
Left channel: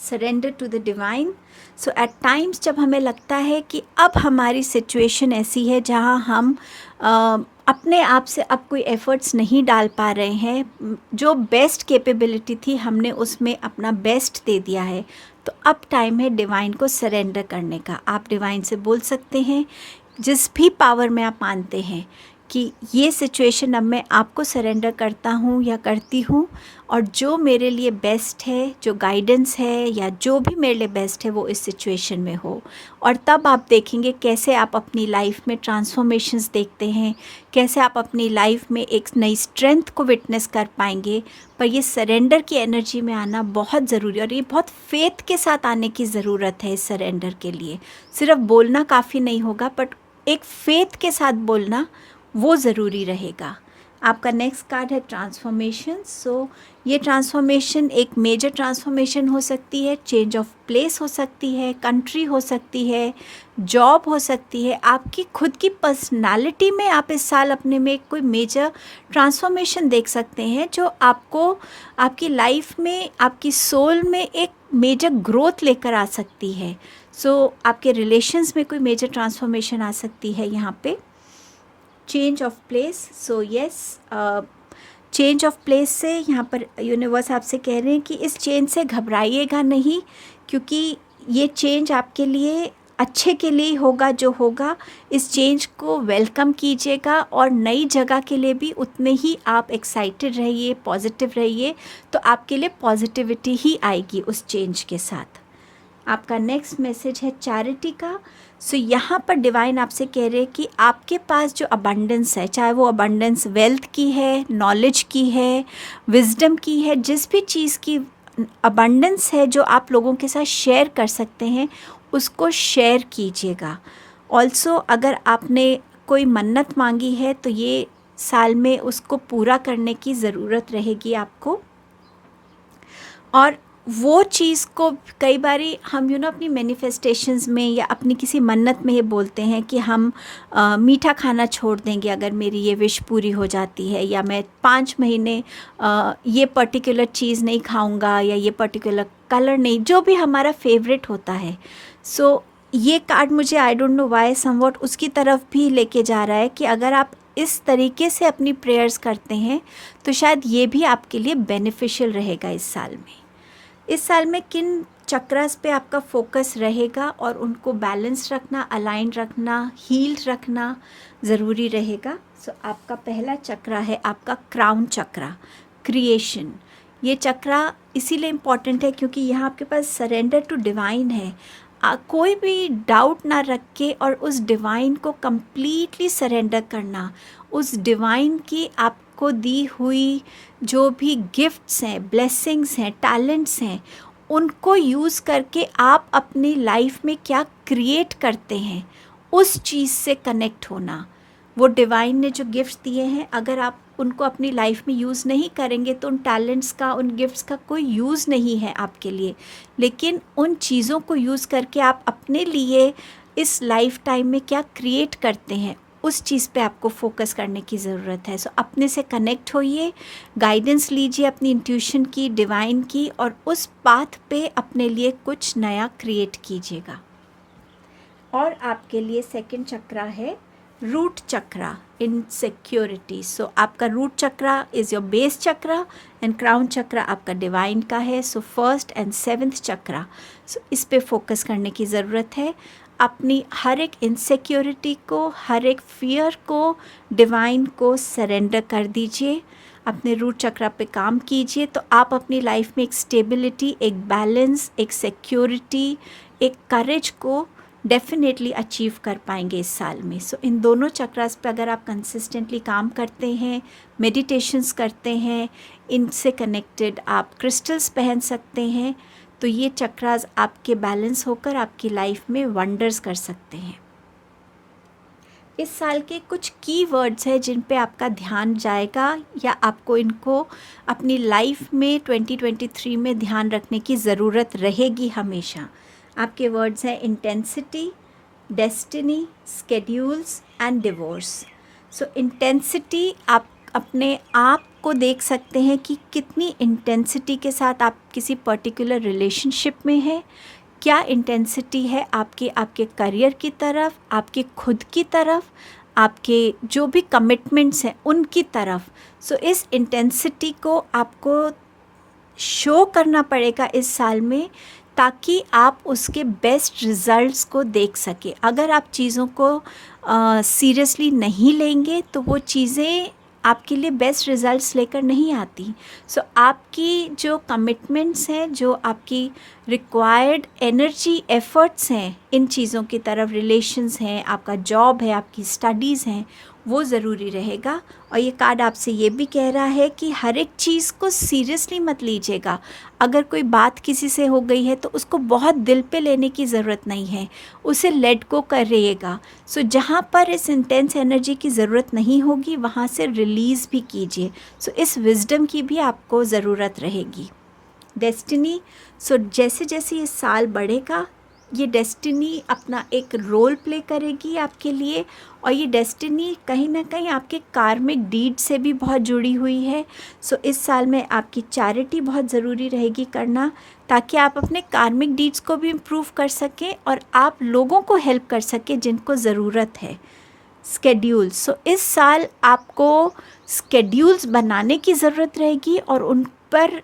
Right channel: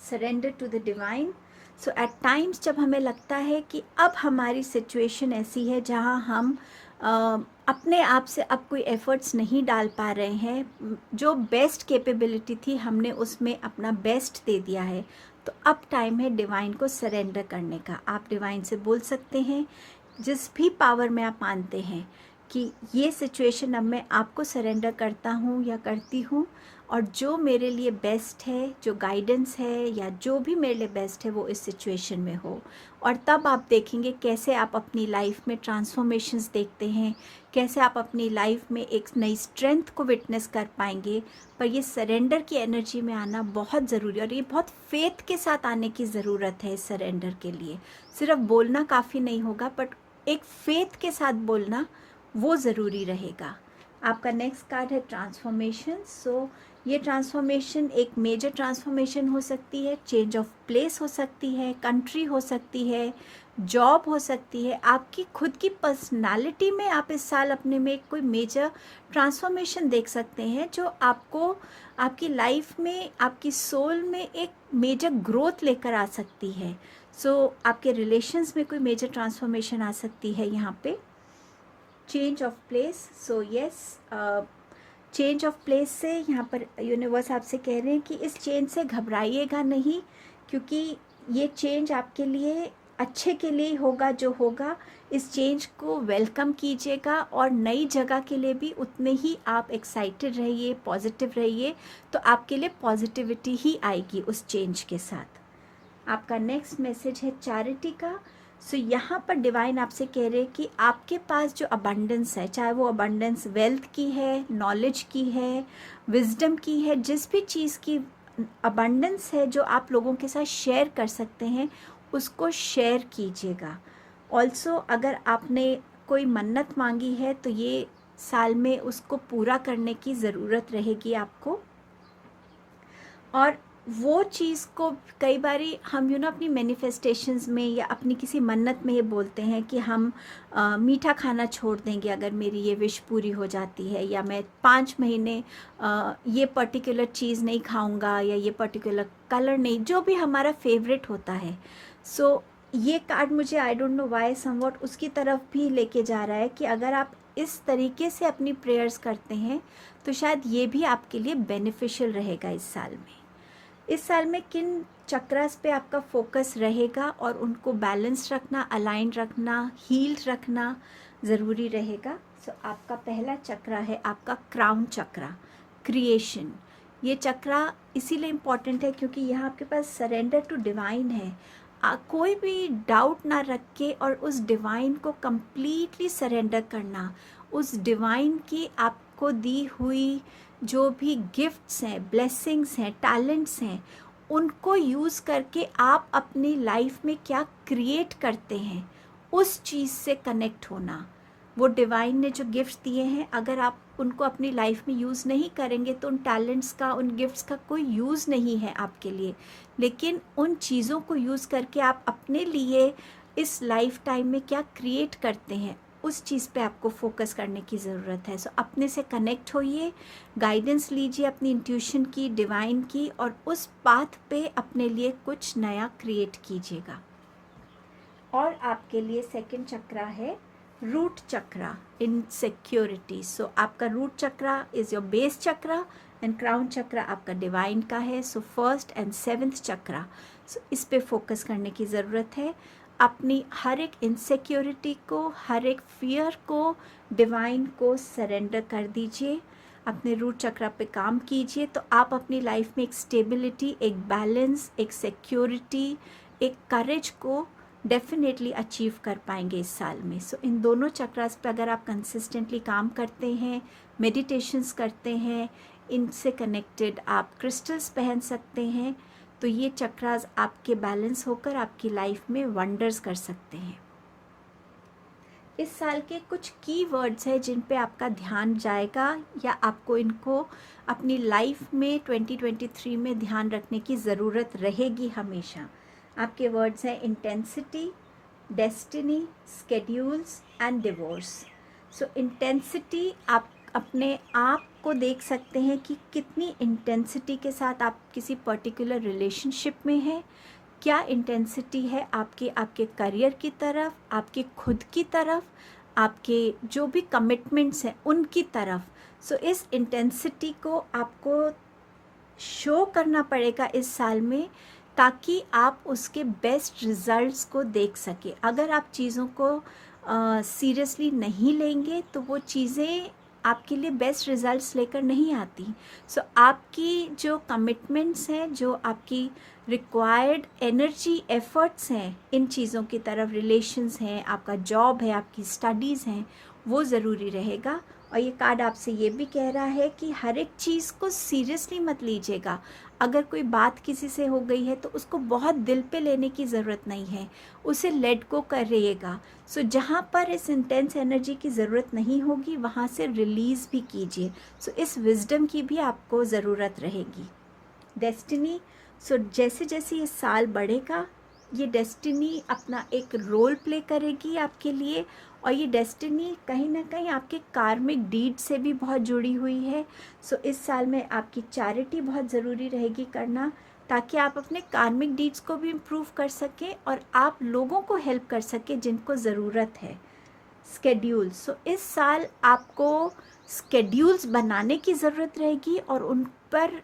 Surrender to the divine. So at times जब हमें लगता है कि अब हमारी सिचुएशन ऐसी है जहाँ हम अपने आप से अब कोई एफ़र्ट्स नहीं डाल पा रहे हैं, जो बेस्ट कैपेबिलिटी थी हमने उसमें अपना बेस्ट दे दिया है, तो अब टाइम है डिवाइन को सरेंडर करने का। आप डिवाइन से बोल सकते हैं, जिस भी पावर में आप मानते हैं कि ये सिचुएशन अब मैं आपको सरेंडर करता हूँ या करती हूँ, और जो मेरे लिए बेस्ट है, जो गाइडेंस है या जो भी मेरे लिए बेस्ट है वो इस सिचुएशन में हो। और तब आप देखेंगे कैसे आप अपनी लाइफ में ट्रांसफॉर्मेशंस देखते हैं, कैसे आप अपनी लाइफ में एक नई स्ट्रेंथ को विटनेस कर पाएंगे। पर ये सरेंडर की एनर्जी में आना बहुत ज़रूरी है, और ये बहुत फेथ के साथ आने की ज़रूरत है इस सरेंडर के लिए। सिर्फ बोलना काफ़ी नहीं होगा, बट एक फेथ के साथ बोलना वो ज़रूरी रहेगा। आपका नेक्स्ट कार्ड है ट्रांसफॉर्मेशन। सो ये ट्रांसफॉर्मेशन एक मेजर ट्रांसफॉर्मेशन हो सकती है, चेंज ऑफ प्लेस हो सकती है, कंट्री हो सकती है, जॉब हो सकती है, आपकी खुद की पर्सनालिटी में आप इस साल अपने में कोई मेजर ट्रांसफॉर्मेशन देख सकते हैं जो आपको आपकी लाइफ में, आपकी सोल में एक मेजर ग्रोथ लेकर आ सकती है। सो आपके रिलेशंस में कोई मेजर ट्रांसफॉर्मेशन आ सकती है यहाँ पे। Change of place. So yes, change of place से यहाँ पर यूनिवर्स आपसे कह रहे हैं कि इस चेंज से घबराइएगा नहीं, क्योंकि ये चेंज आपके लिए अच्छे के लिए होगा। जो होगा इस चेंज को वेलकम कीजिएगा, और नई जगह के लिए भी उतने ही आप एक्साइटेड रहिए, पॉजिटिव रहिए, तो आपके लिए पॉजिटिविटी ही आएगी उस चेंज के साथ। आपका नेक्स्ट मैसेज है चैरिटी का। सो यहाँ पर डिवाइन आपसे कह रहे हैं कि आपके पास जो अबंडेंस है, चाहे वो अबंडेंस वेल्थ की है, नॉलेज की है, विजडम की है, जिस भी चीज़ की अबंडेंस है जो आप लोगों के साथ शेयर कर सकते हैं, उसको शेयर कीजिएगा। ऑल्सो अगर आपने कोई मन्नत मांगी है तो ये साल में उसको पूरा करने की ज़रूरत रहेगी आपको। और वो चीज़ को कई बारी हम अपनी मैनिफेस्टेशंस में या अपनी किसी मन्नत में ये बोलते हैं कि हम मीठा खाना छोड़ देंगे अगर मेरी ये विश पूरी हो जाती है, या मैं 5 महीने ये पर्टिकुलर चीज़ नहीं खाऊंगा, या ये पर्टिकुलर कलर नहीं, जो भी हमारा फेवरेट होता है। सो ये कार्ड मुझे आई डोंट नो वाई समवॉट उसकी तरफ भी लेके जा रहा है कि अगर आप इस तरीके से अपनी प्रेयर्स करते हैं तो शायद ये भी आपके लिए बेनिफिशियल रहेगा इस साल में। इस साल में किन चक्रास पे आपका फोकस रहेगा और उनको बैलेंस रखना, अलाइन रखना, हील रखना ज़रूरी रहेगा। सो आपका पहला चक्रा है आपका क्राउन चक्रा, क्रिएशन। ये चक्रा इसीलिए इम्पॉर्टेंट है क्योंकि यहाँ आपके पास सरेंडर टू डिवाइन है। कोई भी डाउट ना रख के और उस डिवाइन को कम्प्लीटली सरेंडर करना, उस डिवाइन की आपको दी हुई जो भी गिफ्ट्स हैं, ब्लेसिंग्स हैं, टैलेंट्स हैं, उनको यूज़ करके आप अपनी लाइफ में क्या क्रिएट करते हैं, उस चीज़ से कनेक्ट होना। वो डिवाइन ने जो गिफ्ट्स दिए हैं, अगर आप उनको अपनी लाइफ में यूज़ नहीं करेंगे तो उन टैलेंट्स का, उन गिफ्ट्स का कोई यूज़ नहीं है आपके लिए। लेकिन उन चीज़ों को यूज़ करके आप अपने लिए इस लाइफ टाइम में क्या क्रिएट करते हैं, उस चीज़ पे आपको फोकस करने की ज़रूरत है। सो अपने से कनेक्ट होइए, गाइडेंस लीजिए अपनी इंट्यूशन की, डिवाइन की, और उस पाथ पे अपने लिए कुछ नया क्रिएट कीजिएगा। और आपके लिए सेकंड चक्रा है रूट चक्रा, इनसिक्योरिटी। सो आपका root chakra is your base chakra and crown chakra आपका डिवाइन का है। So first and seventh chakra, so इस पे फोकस करने की ज़रूरत है। अपनी हर एक इनसिक्योरिटी को, हर एक फियर को डिवाइन को सरेंडर कर दीजिए। अपने रूट चक्रा पे काम कीजिए तो आप अपनी लाइफ में एक स्टेबिलिटी, एक बैलेंस, एक सिक्योरिटी, एक करेज को डेफिनेटली अचीव कर पाएंगे इस साल में। सो इन दोनों चक्रास पे अगर आप कंसिस्टेंटली काम करते हैं, मेडिटेशंस करते हैं, इनसे कनेक्टेड आप क्रिस्टल्स पहन सकते हैं, तो ये चक्रास आपके बैलेंस होकर आपकी लाइफ में वंडर्स कर सकते हैं। इस साल के कुछ की वर्ड्स हैं जिन पे आपका ध्यान जाएगा या आपको इनको अपनी लाइफ में 2023 में ध्यान रखने की ज़रूरत रहेगी हमेशा। आपके वर्ड्स हैं intensity, destiny, schedules and divorce. So intensity, आप अपने आप को देख सकते हैं कि कितनी इंटेंसिटी के साथ आप किसी पर्टिकुलर रिलेशनशिप में हैं। क्या इंटेंसिटी है आपके करियर की तरफ, आपके खुद की तरफ, आपके जो भी कमिटमेंट्स हैं उनकी तरफ। सो इस इंटेंसिटी को आपको शो करना पड़ेगा इस साल में, ताकि आप उसके बेस्ट रिज़ल्ट्स को देख सकें। अगर आप चीज़ों को सीरियसली नहीं लेंगे तो वो चीज़ें आपके लिए बेस्ट रिज़ल्ट्स लेकर नहीं आती। सो आपकी जो कमिटमेंट्स हैं, जो आपकी रिक्वायर्ड एनर्जी, एफ़र्ट्स हैं इन चीज़ों की तरफ, रिलेशंस हैं, आपका जॉब है, आपकी स्टडीज़ हैं, वो ज़रूरी रहेगा। और ये कार्ड आपसे ये भी कह रहा है कि हर एक चीज़ को सीरियसली मत लीजिएगा। अगर कोई बात किसी से हो गई है तो उसको बहुत दिल पे लेने की ज़रूरत नहीं है, उसे लेट गो करिएगा। सो जहाँ पर इस इंटेंस एनर्जी की ज़रूरत नहीं होगी वहाँ से रिलीज़ भी कीजिए। सो इस विजडम की भी आपको ज़रूरत रहेगी। डेस्टिनी, सो जैसे जैसे ये साल बढ़ेगा ये डेस्टिनी अपना एक रोल प्ले करेगी आपके लिए, और ये डेस्टिनी कहीं ना कहीं आपके कार्मिक डीड से भी बहुत जुड़ी हुई है। सो इस साल में आपकी चैरिटी बहुत ज़रूरी रहेगी करना, ताकि आप अपने कार्मिक डीड्स को भी इम्प्रूव कर सकें और आप लोगों को हेल्प कर सकें जिनको ज़रूरत है। स्केड्यूल्स, सो इस साल आपको स्केड्यूल्स बनाने की ज़रूरत रहेगी और उन पर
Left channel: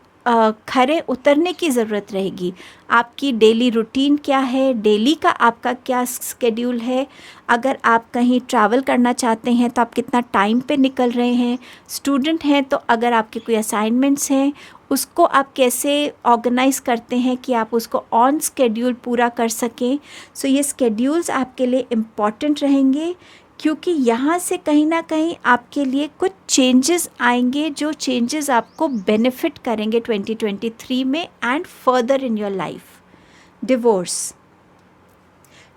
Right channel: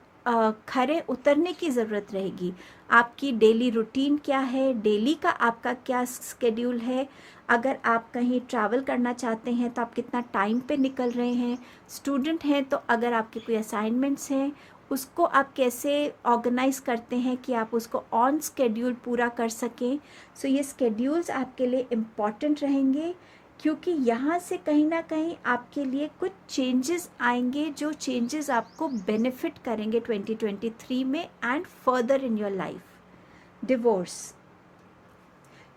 खरे उतरने की ज़रूरत रहेगी। आपकी डेली रूटीन क्या है, डेली का आपका क्या स्केड्यूल है। अगर आप कहीं ट्रैवल करना चाहते हैं तो आप कितना टाइम पे निकल रहे हैं। स्टूडेंट हैं तो अगर आपके कोई असाइनमेंट्स हैं उसको आप कैसे ऑर्गेनाइज़ करते हैं कि आप उसको ऑन स्केड्यूल पूरा कर सकें। सो ये स्केड्यूल्स आपके लिए इम्पॉर्टेंट रहेंगे, क्योंकि यहाँ से कहीं ना कहीं आपके लिए कुछ चेंजेस आएंगे, जो चेंजेस आपको बेनिफिट करेंगे 2023 में and further in your life. Divorce,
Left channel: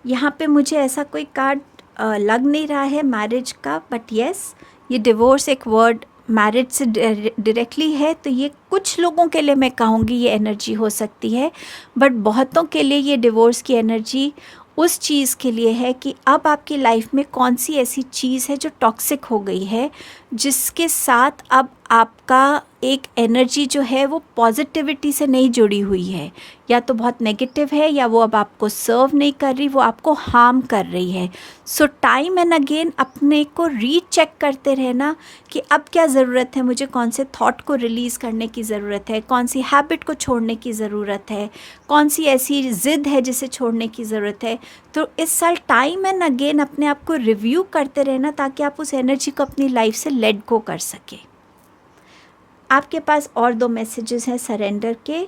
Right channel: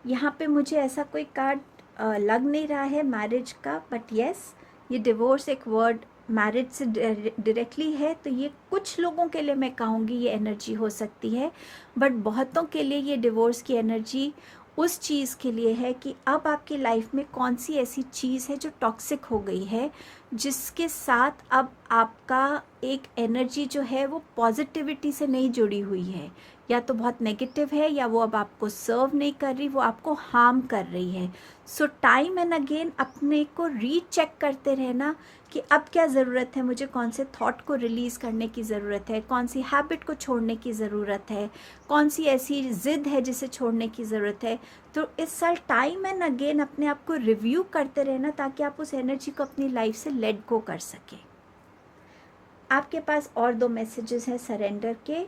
यहाँ पे मुझे ऐसा कोई कार्ड लग नहीं रहा है मैरिज का, बट येस ये डिवोर्स एक वर्ड मैरिज से डायरेक्टली है, तो ये कुछ लोगों के लिए मैं कहूँगी ये एनर्जी हो सकती है, बट बहुतों के लिए ये डिवोर्स की एनर्जी उस चीज़ के लिए है कि अब आपकी लाइफ में कौन सी ऐसी चीज़ है जो टॉक्सिक हो गई है, जिसके साथ अब आपका एक एनर्जी जो है वो पॉजिटिविटी से नहीं जुड़ी हुई है, या तो बहुत नेगेटिव है या वो अब आपको सर्व नहीं कर रही, वो आपको हार्म कर रही है। सो टाइम एंड अगेन अपने को रीचेक करते रहना कि अब क्या ज़रूरत है, मुझे कौन से थॉट को रिलीज़ करने की ज़रूरत है, कौन सी हैबिट को छोड़ने की ज़रूरत है, कौन सी ऐसी ज़िद है जिसे छोड़ने की ज़रूरत है। तो इस साल टाइम एंड अगेन अपने आप को रिव्यू करते रहना, ताकि आप उस एनर्जी को अपनी लाइफ से लेट गो कर सकें। आपके पास और 2 मैसेजेस हैं सरेंडर के।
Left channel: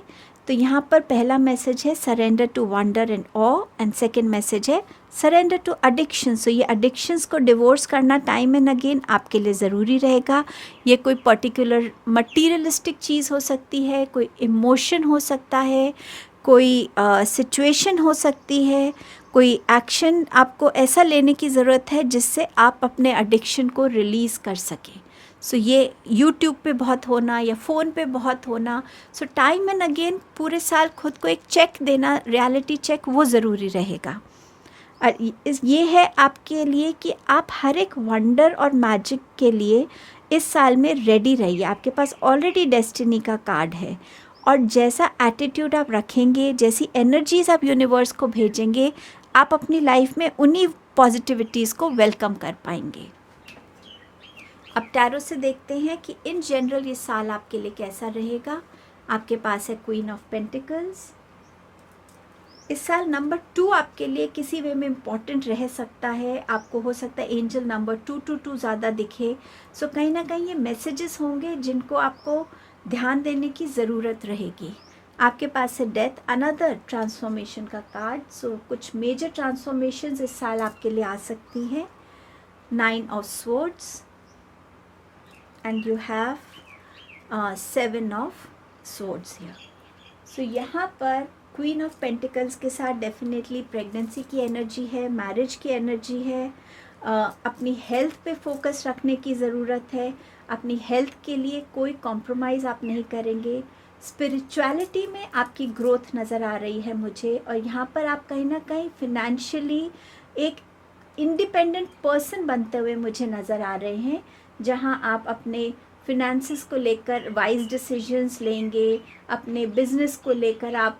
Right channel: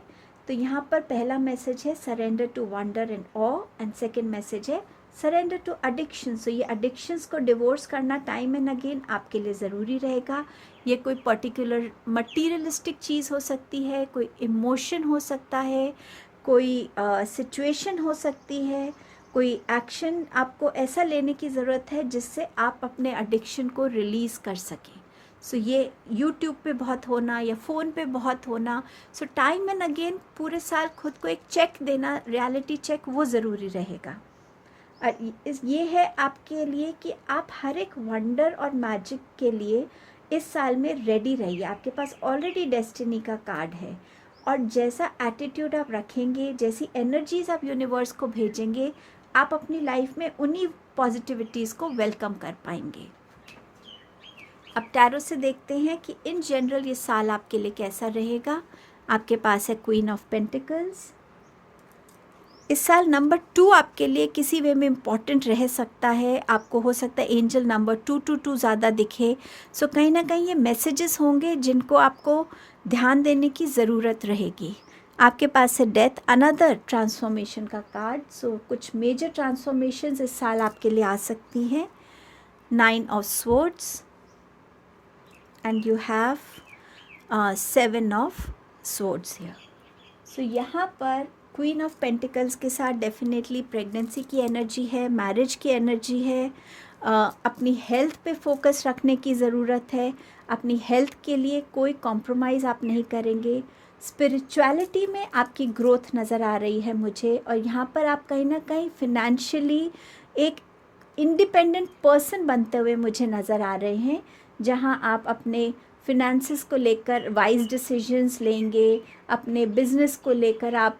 तो यहाँ पर पहला मैसेज है surrender to wonder and awe, and second message है सरेंडर टू एडिक्शन, सो ये एडिक्शंस को डिवोर्स करना टाइम एंड अगेन आपके लिए ज़रूरी रहेगा। ये कोई पर्टिकुलर मटीरियलिस्टिक चीज़ हो सकती है, कोई इमोशन हो सकता है, कोई सिचुएशन हो सकती है, कोई एक्शन आपको ऐसा लेने की ज़रूरत है जिससे आप अपने एडिक्शन को रिलीज़ कर सकें। सो ये यूट्यूब पे बहुत होना या फ़ोन पे बहुत होना, सो टाइम एंड अगेन पूरे साल खुद को एक चेक देना, रियलिटी चेक, वो ज़रूरी रहेगा। और ये है आपके लिए कि आप हर एक वंडर और मैजिक के लिए इस साल में रेडी रहिए। आपके पास ऑलरेडी डेस्टिनी का कार्ड है, और जैसा एटीट्यूड आप रखेंगे, जैसी एनर्जीज आप यूनिवर्स को भेजेंगे, आप अपनी लाइफ में उन्हीं पॉजिटिविटीज़ को वेलकम कर पाएंगे। अब टैरो से देखते हैं कि इन जनरल ये साल आपके लिए कैसा रहेगा। आपके पास है क्वीन ऑफ पेंटिकल्स। इस साल नंबर 2 आपके लिए किसी वे में इम्पॉर्टेंट रह सकता है। आपको हो सकता है एंजल नंबर 222 ज़्यादा दिखे। सो कहीं ना कहीं ये मैसेजेस होंगे जिनको आपको ध्यान देने की ज़रूरत रहेगी। आपके पास है डेथ, अनदर ट्रांसफॉर्मेशन का कार्ड। सो कुछ मेजर ट्रांसफॉर्मेशंस इस साल आपके लिए आ सकती हैं। 9 of swords and you have 7 of swords here. So यहाँ पर क्वीन ऑफ पेंटिकल्स के साथ डेफिनेटली प्रेगनेंसी की एनर्जी है, मैरिज की एनर्जी है। अपनी हेल्थ पे फोकस रखने की ज़रूरत है। अपनी हेल्थ के लिए कोई कॉम्प्रोमाइज़ आप नहीं करेंगे। स्पिरिचुअलिटी में आपकी ग्रोथ नज़र आ रही है मुझे, और यहाँ पर आप कहीं ना कहीं फिनेंशियली एक इंडिपेंडेंट पर्सन बनते हुए मुझे नज़र आ रहे हैं, जहाँ आप अपने फिनेंसेस को लेकर वाइज डिसीजंस लेंगे, अपने बिजनेस को लेकर आप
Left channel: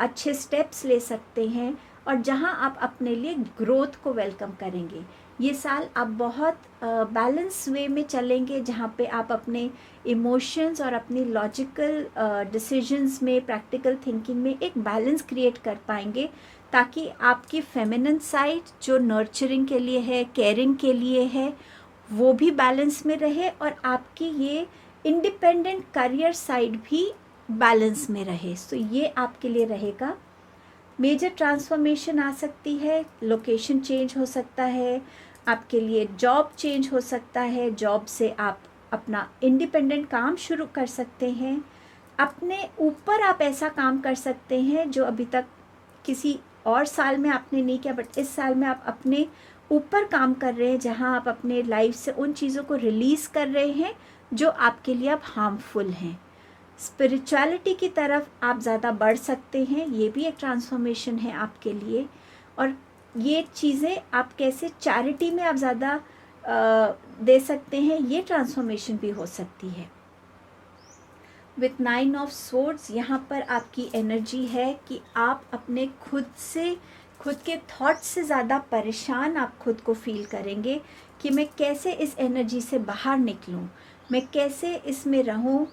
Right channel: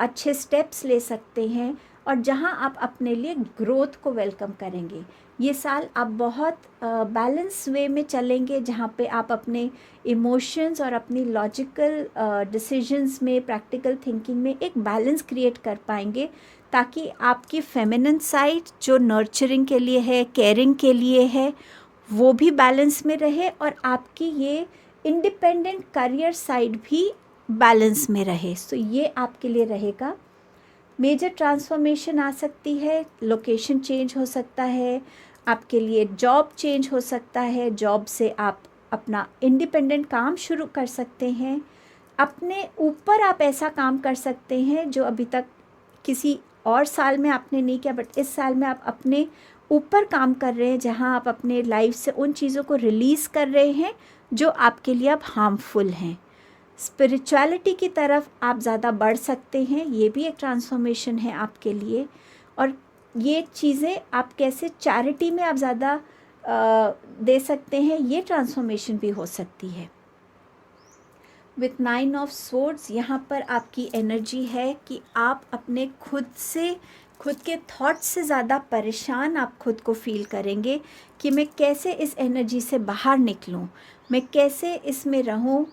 अच्छे स्टेप्स ले सकते हैं, और जहां आप अपने लिए ग्रोथ को वेलकम करेंगे। ये साल आप बहुत बैलेंस वे में चलेंगे, जहां पे आप अपने इमोशंस और अपनी लॉजिकल डिसीजंस में, प्रैक्टिकल थिंकिंग में एक बैलेंस क्रिएट कर पाएंगे, ताकि आपकी फेमिनिन साइड जो नर्चरिंग के लिए है, केयरिंग के लिए है, वो भी बैलेंस में रहे, और आपकी ये इंडिपेंडेंट करियर साइड भी बैलेंस में रहे। सो ये आपके लिए रहेगा। मेजर ट्रांसफॉर्मेशन आ सकती है, लोकेशन चेंज हो सकता है, आपके लिए जॉब चेंज हो सकता है, जॉब से आप अपना इंडिपेंडेंट काम शुरू कर सकते हैं, अपने ऊपर आप ऐसा काम कर सकते हैं जो अभी तक किसी और साल में आपने नहीं किया, बट इस साल में आप अपने ऊपर काम कर रहे हैं, जहां आप अपने लाइफ से उन चीज़ों को रिलीज़ कर रहे हैं जो आपके लिए अब हार्मफुल हैं। स्पिरिचुअलिटी की तरफ आप ज़्यादा बढ़ सकते हैं, ये भी एक ट्रांसफॉर्मेशन है आपके लिए। और ये चीज़ें आप कैसे चैरिटी में आप ज़्यादा दे सकते हैं, ये ट्रांसफॉर्मेशन भी हो सकती है। विथ 9 ऑफ स्वॉर्ड्स यहाँ पर आपकी एनर्जी है कि आप अपने खुद के थॉट्स से ज़्यादा परेशान आप खुद को फील करेंगे कि मैं कैसे इस एनर्जी से बाहर निकलूं, मैं कैसे इसमें रहूं,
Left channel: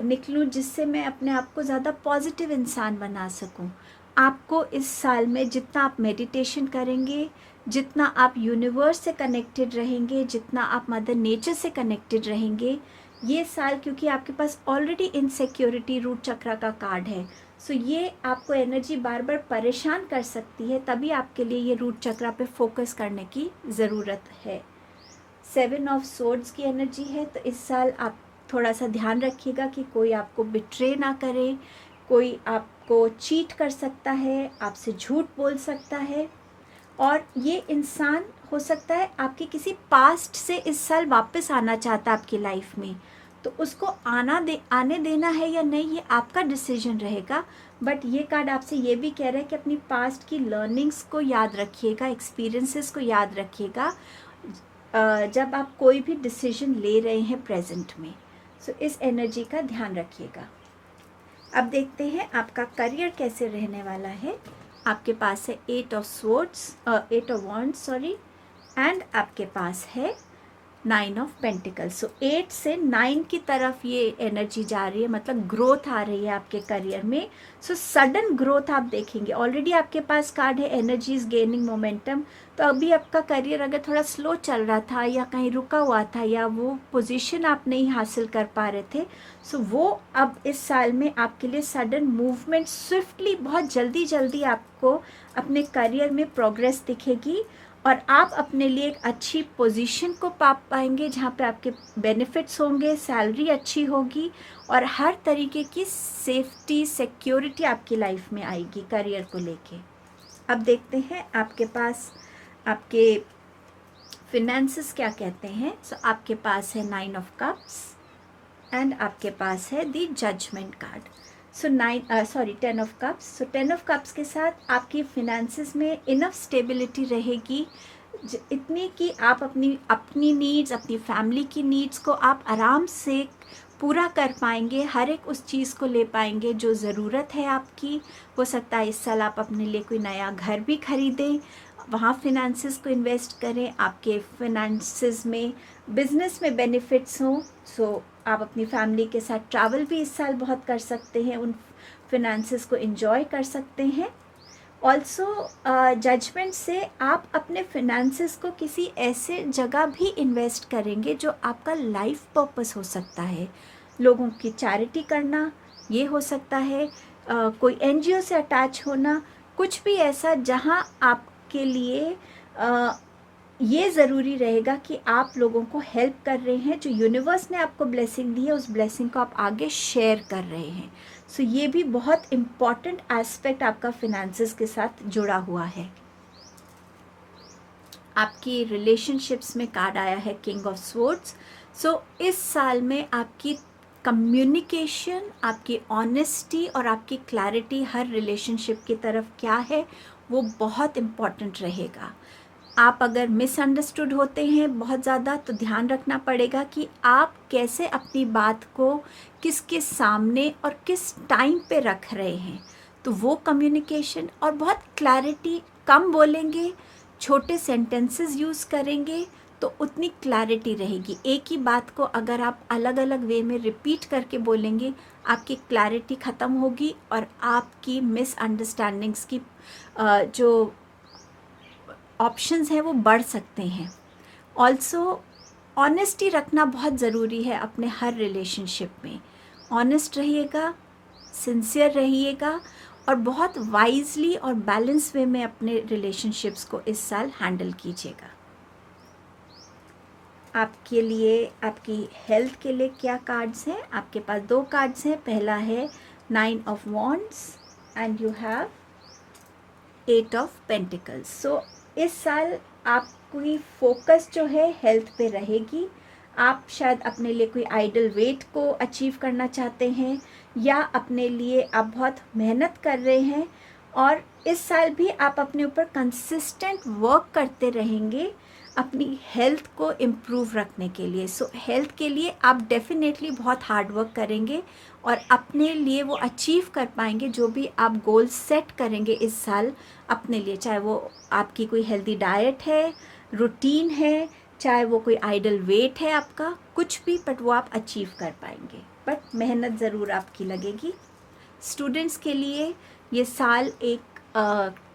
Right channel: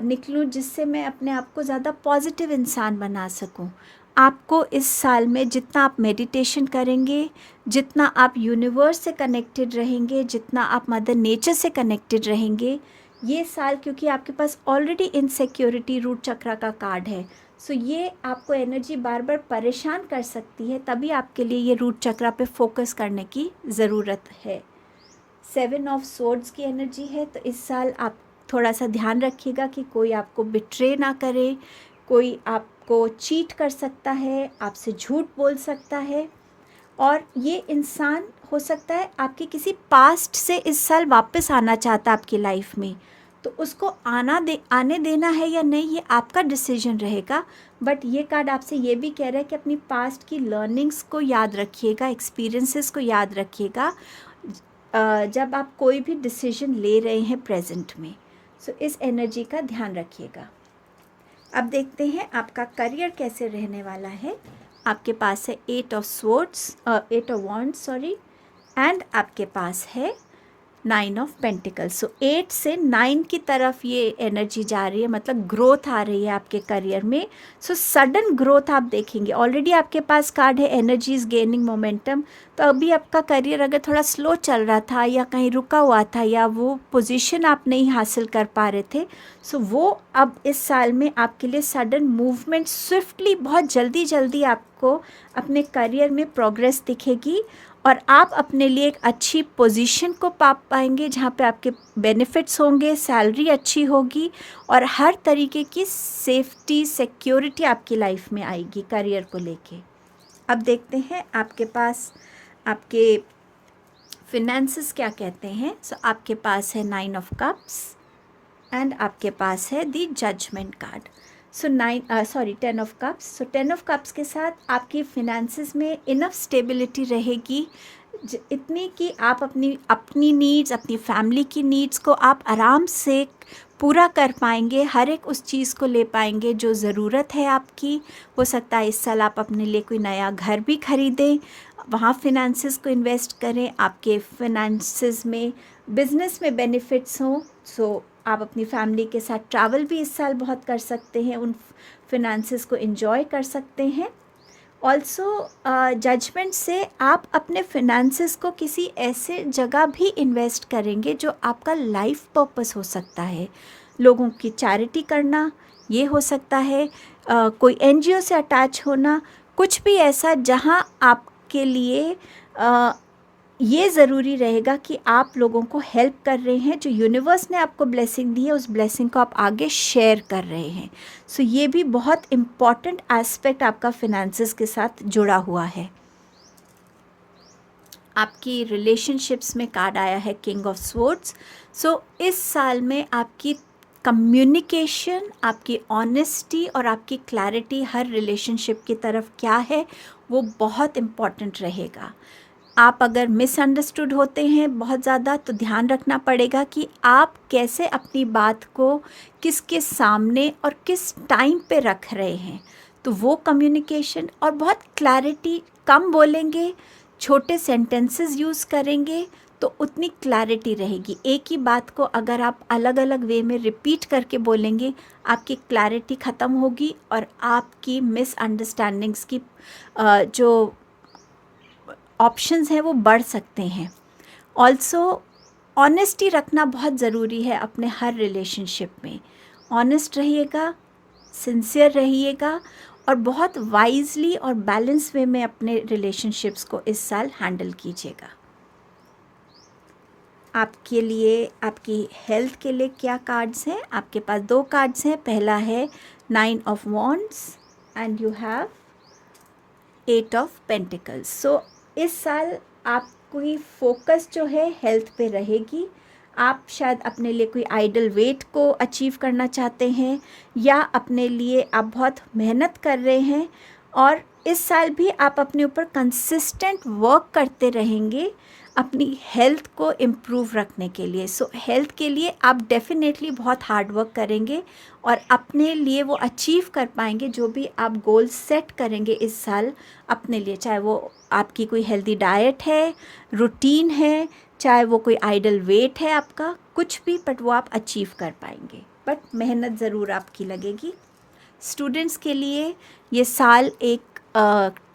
निकलूं, जिससे मैं अपने आप को ज़्यादा पॉजिटिव इंसान बना सकूं। आपको इस साल में जितना आप मेडिटेशन करेंगे, जितना आप यूनिवर्स से कनेक्टेड रहेंगे, जितना आप मदर नेचर से कनेक्टेड रहेंगे, ये साल, क्योंकि आपके पास ऑलरेडी इनसिक्योरिटी रूट चक्र का कार्ड है, सो ये आपको एनर्जी बार बार परेशान कर सकती है, तभी आपके लिए ये रूट चक्र पे फोकस करने की ज़रूरत है। 7 ऑफ स्वॉर्ड्स की एनर्जी है, तो इस साल आप थोड़ा सा ध्यान रखिएगा कि कोई आपको बिट्रे ना करे, कोई आपको चीट कर सकता है, आपसे झूठ बोल सकता है, और ये इंसान हो सकता है आपके किसी पास्ट से इस साल वापस आना चाहता है आपकी लाइफ में, तो उसको आने देना है या नहीं, ये आपका डिसीजन रहेगा। बट ये कार्ड आपसे ये भी कह रहा है कि अपनी पास्ट की लर्निंग्स को याद रखिएगा, एक्सपीरियंसेस को याद रखिएगा जब आप कोई भी डिसीजन ले रहे हैं प्रेजेंट में। सो इस एनर्जी का ध्यान रखिएगा। अब देखते हैं आपका करियर कैसे रहने वाला है। आपके पास है 8 ऑफ वॉन्ड्स एंड आपके पास है 9 ऑफ पेंटिकल्स। सो 8 से 9 की तरफ ये एनर्जी जा रही है, मतलब ग्रोथ आ रही है आपके करियर में। सो सडन ग्रोथ आप देखेंगे। ऑलरेडी आपके पास कार्ड है एनर्जी इज गेनिंग मोमेंटम, तो अभी आपका करियर अगर थोड़ा स्लो चल रहा था या कहीं रुका हुआ था या वो पोजीशन आप नहीं हासिल कर पा रहे थे, सो वो अब इस साल में आपके लिए सडन मूवमेंट, स्विफ्टली, बहुत जल्दी जल्दी आपको अपने करियर में प्रोग्रेस दिखेगी और आप अपने लिए एक अच्छी पोजीशन को पा पाएंगे जहाँ पे आपके बेनिफिट्स होंगे, सैलरी अच्छी होगी और हर तरीके की सेफ्टी सिक्योरिटी आपकी लाइफ में आएगी करियर को लेके। अब देखते हैं आपके पास आपके फिनेंसेस क्या कहते हैं। सो आपके पास है 9 ऑफ कप्स एंड आपके पास है the judgement card. So 10 of cups. So 10 of cups के साथ आपकी फिनेंसेस में इनफ स्टेबिलिटी रहेगी, इतनी कि आप अपनी नीड्स, अपनी फैमिली की नीड्स को आप आराम से पूरा कर पाएंगे, हर एक उस चीज़ को ले पाएंगे जो ज़रूरत है आपकी। हो सकता है इस साल आप अपने लिए कोई नया घर भी खरीदें, वहाँ फिनेंसेस को इन्वेस्ट करें, आपके फिनेंसेस में बिजनेस में बेनिफिट्स हों। सो आप अपनी फैमिली के साथ ट्रैवल भी इस साल बहुत कर सकते हैं, उन फिनेंसेस को एंजॉय कर सकते हैं। ऑल्सो जजमेंट से आप अपने फिनेंसेस को किसी ऐसे जगह भी इन्वेस्ट करेंगे जो आपका लाइफ पर्पस हो सकता है। लोगों की चैरिटी करना, ये हो सकता है कोई एनजीओ से अटैच होना, कुछ भी ऐसा जहां आपके लिए ये ज़रूरी रहेगा कि आप लोगों को हेल्प कर रहे हैं, जो यूनिवर्स ने आपको ब्लेसिंग दी है उस ब्लेसिंग को आप आगे शेयर कर रहे हैं। सो ये भी बहुत इम्पॉर्टेंट एस्पेक्ट आपका फिनेंसेस के साथ जुड़ा हुआ है। आपकी रिलेशनशिप्स में कार्ड आया है किंग ऑफ स्वॉर्ड्स। सो इस साल में आपकी कम्युनिकेशन, आपकी ऑनेस्टी और आपकी क्लैरिटी हर रिलेशनशिप की तरफ क्या है वो बहुत इम्पॉर्टेंट रहेगा। आप अगर मिसअंडरस्टूड होते हैं बहुत ज़्यादा तो ध्यान रखना पड़ेगा कि आप कैसे अपनी बात को किसके सामने और किस टाइम पे रख रहे हैं। तो वो कम्युनिकेशन और बहुत क्लैरिटी, कम बोलेंगे, छोटे सेंटेंसेस यूज़ करेंगे तो उतनी क्लैरिटी रहेगी। एक ही बात को अगर आप अलग अलग वे में रिपीट करके बोलेंगे आपकी क्लैरिटी ख़त्म होगी और आपकी मिसअंडरस्टैंडिंग्स की जो ऑप्शंस हैं वो बढ़ सकते हैं। ऑल्सो ऑनेस्टी रखना बहुत ज़रूरी है अपने हर रिलेशनशिप में। ऑनेस्ट रहिएगा, सिंसियर रहिएगा और बहुत वाइजली और बैलेंस वे में अपने रिलेशनशिप्स को इस साल हैंडल कीजिएगा। आपके लिए, आपकी हेल्थ के लिए क्या कार्ड्स हैं? आपके पास 2 कार्ड्स हैं। पहला है 9 of wands and you have 8 of pentacles. So इस साल आपकी फोकस जो है हेल्थ पे रहेगी। आप शायद अपने लिए कोई आइडल वेट को अचीव करना चाहते हैं या अपने लिए आप बहुत मेहनत कर रहे हैं और इस साल भी आप अपने ऊपर कंसिस्टेंट वर्क करते रहेंगे अपनी हेल्थ को इम्प्रूव रखने के लिए। सो हेल्थ के लिए आप डेफिनेटली बहुत हार्ड वर्क करेंगे और अपने लिए वो अचीव कर पाएंगे जो भी आप गोल सेट करेंगे इस साल अपने लिए, चाहे वो आपकी कोई हेल्दी डाइट है, रूटीन है, चाहे वो कोई आइडल वेट है आपका, कुछ भी, बट वो आप अचीव कर पाएंगे। बट मेहनत ज़रूर आपकी लगेगी। स्टूडेंट्स के लिए ये साल एक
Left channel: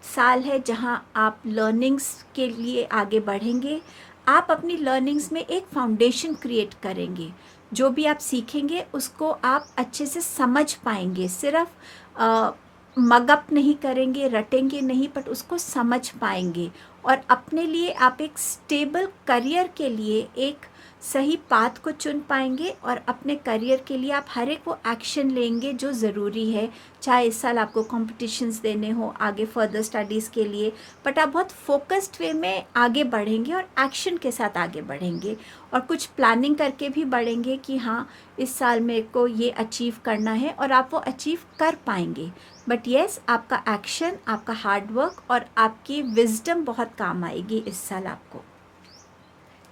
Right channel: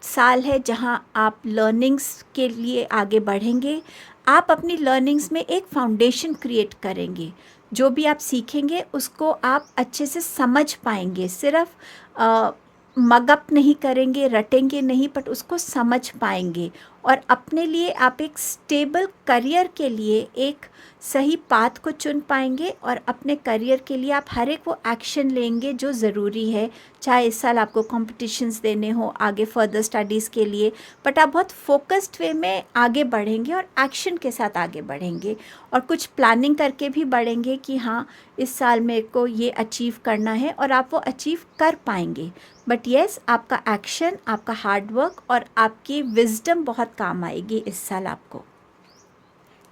साल है जहां आप लर्निंग्स के लिए आगे बढ़ेंगे। आप अपनी लर्निंग्स में एक फाउंडेशन क्रिएट करेंगे। जो भी आप सीखेंगे उसको आप अच्छे से समझ पाएंगे, सिर्फ मगअप नहीं करेंगे, रटेंगे नहीं, बट उसको समझ पाएंगे और अपने लिए आप एक स्टेबल करियर के लिए एक सही पाथ को चुन पाएंगे और अपने करियर के लिए आप हर एक वो एक्शन लेंगे जो ज़रूरी है। चाहे इस साल आपको कॉम्पिटिशन्स देने हो आगे फर्दर स्टडीज़ के लिए, बट आप बहुत फोकस्ड वे में आगे बढ़ेंगे और एक्शन के साथ आगे बढ़ेंगे और कुछ प्लानिंग करके भी बढ़ेंगे कि हाँ इस साल मेरे को ये अचीव करना है और आप वो अचीव कर पाएंगे। बट येस, आपका एक्शन, आपका हार्डवर्क और आपकी विजडम बहुत काम आएगी इस साल आपको।